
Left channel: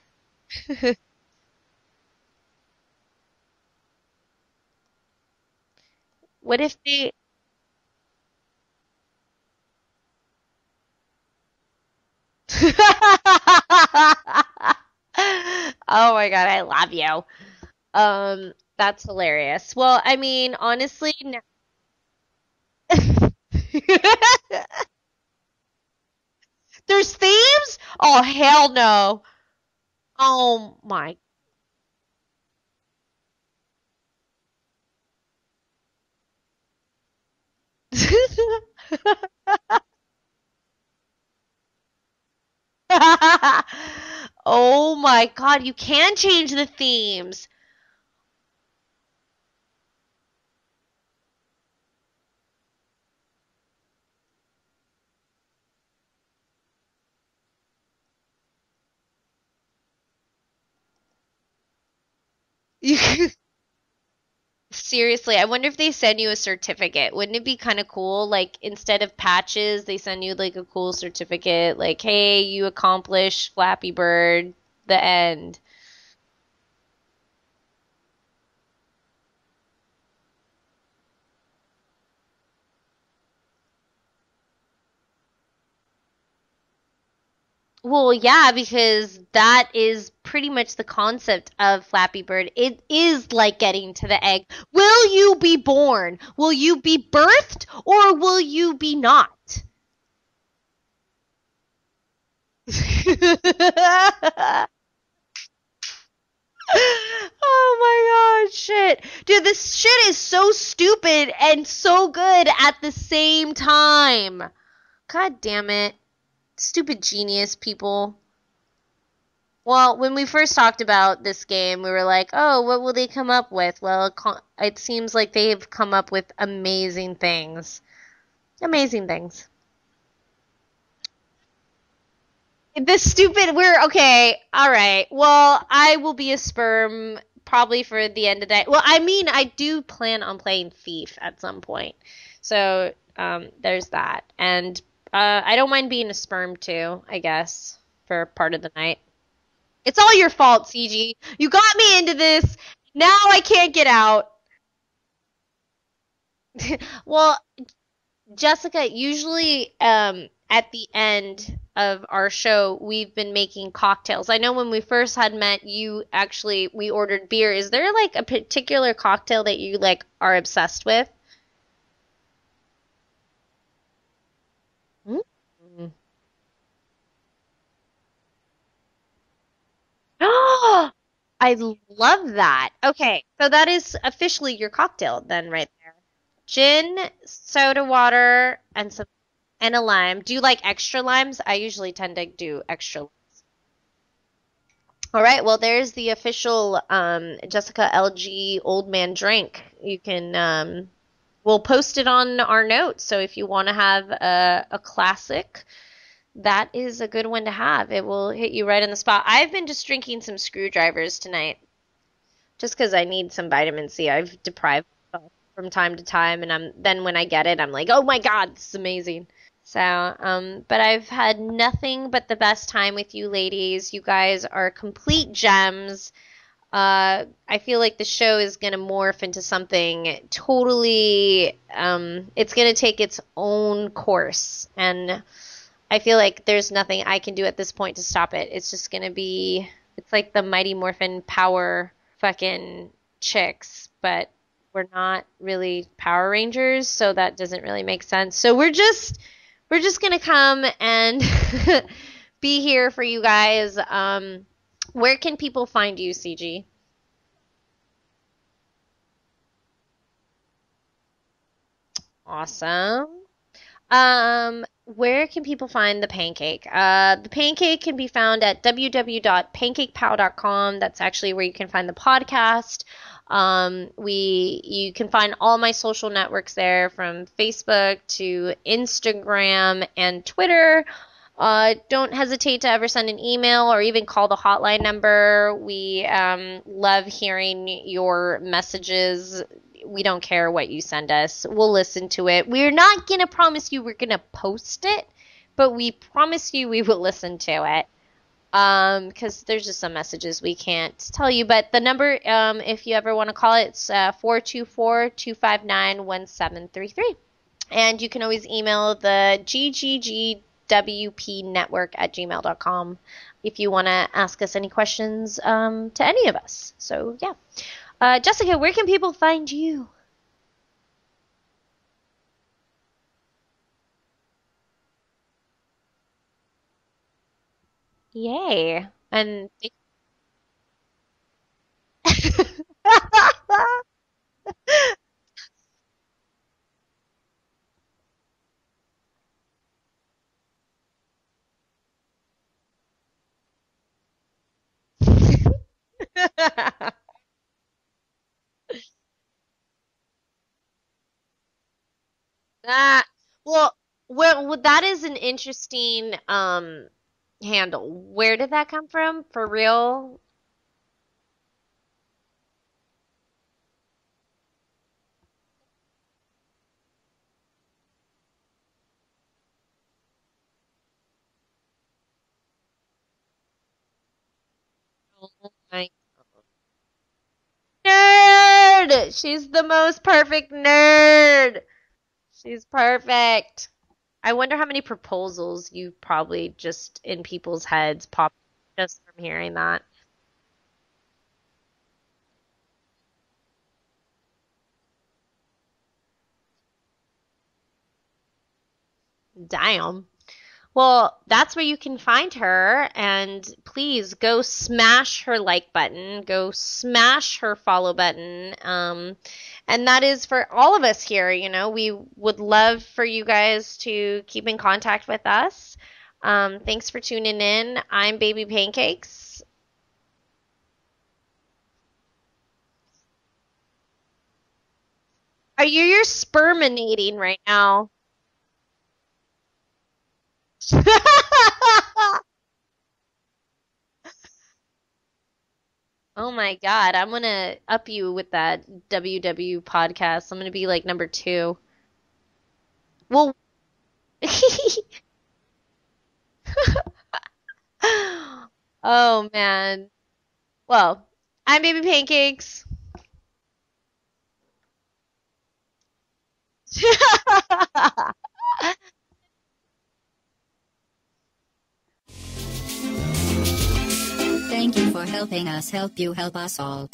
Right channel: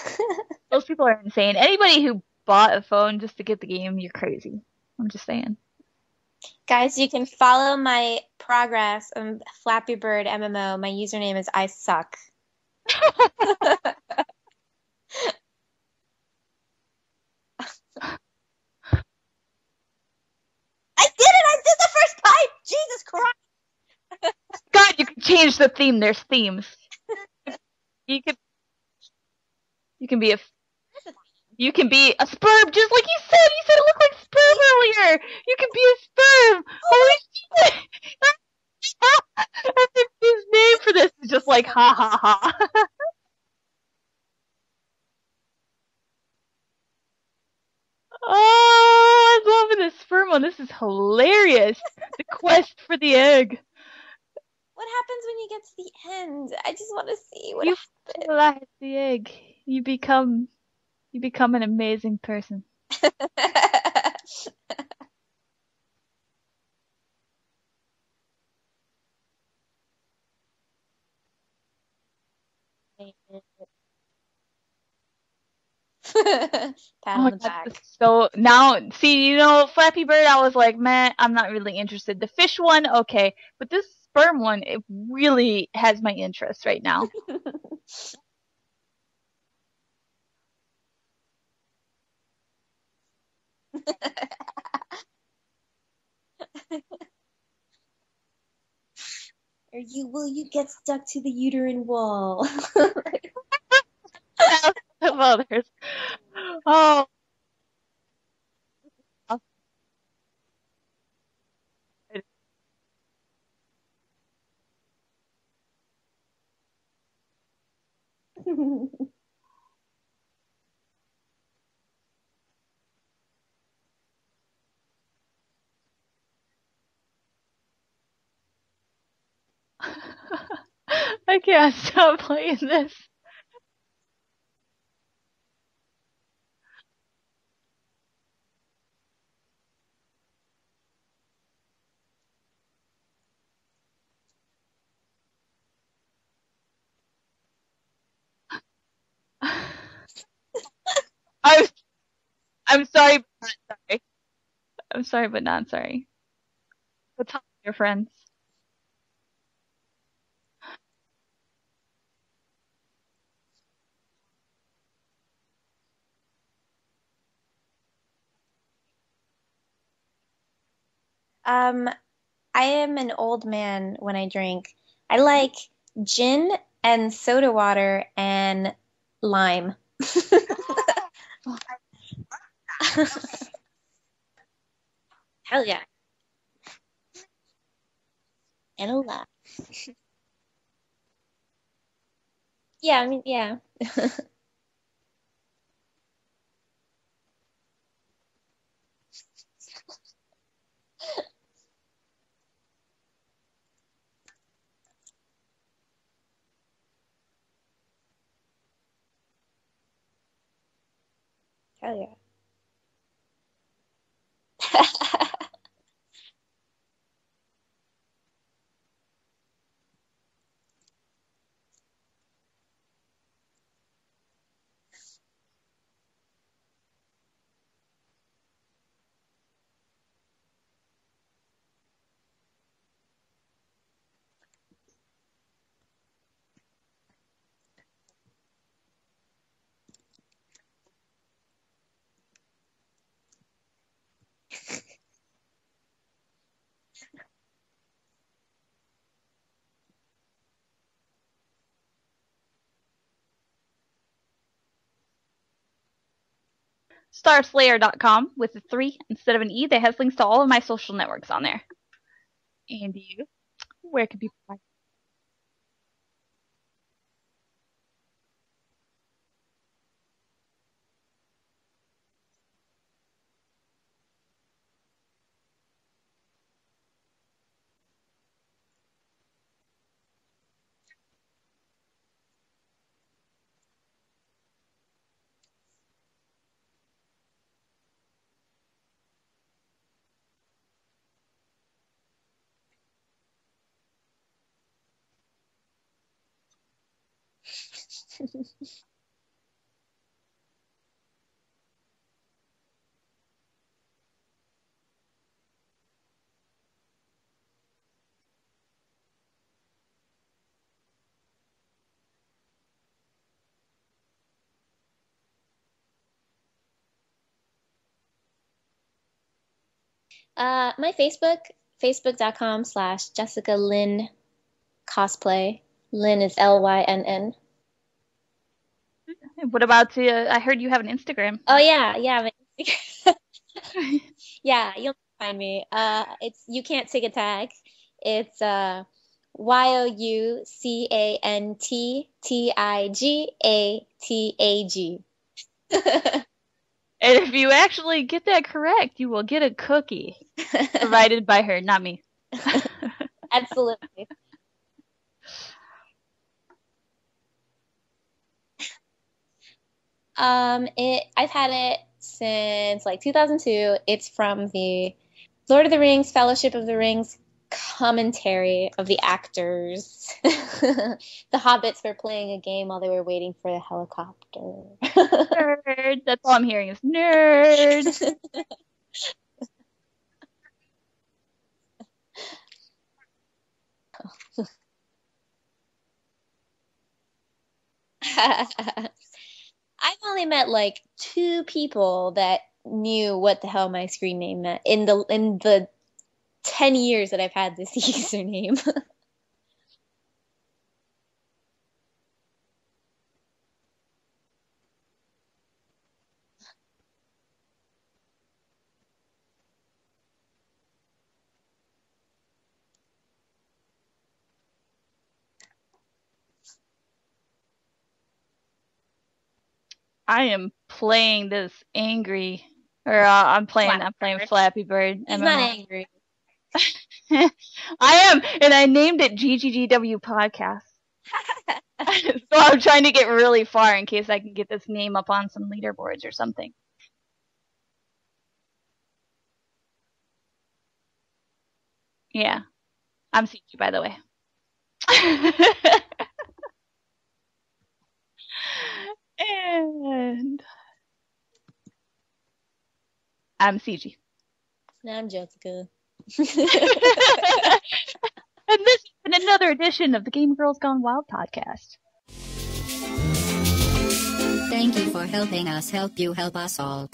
Most people are insane. Anybody who bought a phone just to get the game, you're crazy. I'm just saying. What if Guys, you can follow my progress on Flappy Bird MMO. My username is I suck. Oh my god, I love you. That's hilarious. Well, I mean, honestly, I did it! I did the first pipe! Jesus Christ! God, you can change the theme. There's themes. There's themes? Oh hell no. You can be Oh my. you can be a sperm, just like you said. You said it looked like sperm earlier. You can be a sperm. Holy shit! His name for this is just like ha ha ha. Oh my god, you can change the themes. Oh, I'm loving this sperm one. This is hilarious. The quest for the egg. What happens when you get to the end? I just want to see what You happens. fertilize the egg. You become an amazing person. Seriously, I wonder if they send you a certificate. Wouldn't it be kind of cool? Like, instead of patches, they send you like a cool certificate. Like, hey, you accomplished Flappy Bird, the end. Pat on the back. So now, see, you know, Flappy Bird, I was like, man, I'm not really interested. The fish one, okay, but this sperm one, it really has my interest right now. Well, yeah, because that is pretty much the concept of Flappy Bird. It is like getting to the egg. Will you be born? Will you be birthed, or will you be not? Or will you get stuck to the uterine wall? Others. Oh my god, shit. Dude, this shit is so stupid and so good at the same time. God damn it. Stupid genius people. Well, when we first talked about this game, we were like, oh, what will they come up with? Well, it seems like they've come up with amazing things. Amazing things. I can't stop playing this. Okay, alright. Well, I will be a sperm probably for the end of the day. Well, I mean, I do plan on playing Thief at some point. So, there's that. And I don't mind being a sperm too, I guess, for part of the night. It's all your fault, CG. You got me into this. I'm sorry. Now I can't get out. I'm sorry, but not sorry. Well, Your friends. Jessica, usually at the end of our show, we've been making cocktails. I know when we first had met, we ordered beer. Is there like a particular cocktail that you like are obsessed with? I am an old man when I drink. I like gin and soda water and lime. I love that. Okay, so that is officially your cocktail then, right? Yeah. Gin, soda water, And a lime. Do you like extra limes? I usually tend to do extra. Yeah, I mean, yeah. All right, well, there's the official Jessica LG old man drink. You can, we'll post it on our notes. So if you want to have a classic, that is a good one to have. It will hit you right on the spot. I've been just drinking some screwdrivers tonight. Oh, yeah. Just because I need some vitamin C. I've deprived from time to time, and then when I get it, I'm like, oh my god, this is amazing. So, but I've had nothing but the best time with you ladies. You guys are complete gems. I feel like the show is going to morph into something totally, it's going to take its own course. And I feel like there's nothing I can do at this point to stop it. It's just going to be, it's like the Mighty Morphin Power fucking chicks, but we're not really Power Rangers, so that doesn't really make sense. So we're just gonna come and be here for you guys. Where can people find you, CG? Starslayer.com with a 3 instead of an E. That has links to all of my social networks on there. Awesome. Where can people find the Pancake? The Pancake can be found at www.pancakepow.com. That's actually where you can find the podcast. You can find all my social networks there, from Facebook to Instagram and Twitter. Don't hesitate to ever send an email or even call the hotline number. We love hearing your messages. We don't care what you send us. We'll listen to it. We're not going to promise you we're going to post it, but we promise you we will listen to it. Because there's just some messages we can't tell you. But the number, if you ever want to call it, it's 424-259-1733. And you can always email the GGGWP network at gmail.com if you want to ask us any questions to any of us. So, yeah. Jessica, where can people find you? My Facebook.com/Jessica Lynn Cosplay. Lynn is Lynn. Yay. And What about I heard you have an Instagram. Oh yeah. Yeah, you can find me. It's You Can't Take a Tag. It's YOUCANTTIGATAG. And if you actually get that correct, you will get a cookie provided by her, not me. Absolutely. Well, that is an interesting handle. Where did that come from? For real? I've had it since like 2002. It's from the Lord of the Rings, Fellowship of the Rings commentary of the actors. The hobbits were playing a game while they were waiting for the helicopter. Nerd. That's all I'm hearing is nerd. Nerd! She's the most perfect nerd. She's perfect. I wonder how many proposals you probably just in people's heads popped just from hearing that. I've only met like 2 people that knew what the hell my screen name meant in the 10 years that I've had this username. Damn. Well, that's where you can find her, and please go smash her like button, go smash her follow button, and that is for all of us here. You know, we would love for you guys to keep in contact with us. Thanks for tuning in. I'm Baby Pancakes. I am playing this angry, I'm playing Flappy Bird. He's not angry. You're sperminating right now. I am, and I named it GGGW Podcast. So I'm trying to get really far in case I can get this name up on some leaderboards or something. Oh my god, I'm gonna up you with that WW Podcast. I'm gonna be like number 2. Yeah. Well, I'm CG, by the way. Oh man. And Well, I'm Baby Pancakes. I'm CG. And I'm Jessica. And this has been another edition of the Game Girls Gone Wild podcast. Thank you for helping us help you help us all.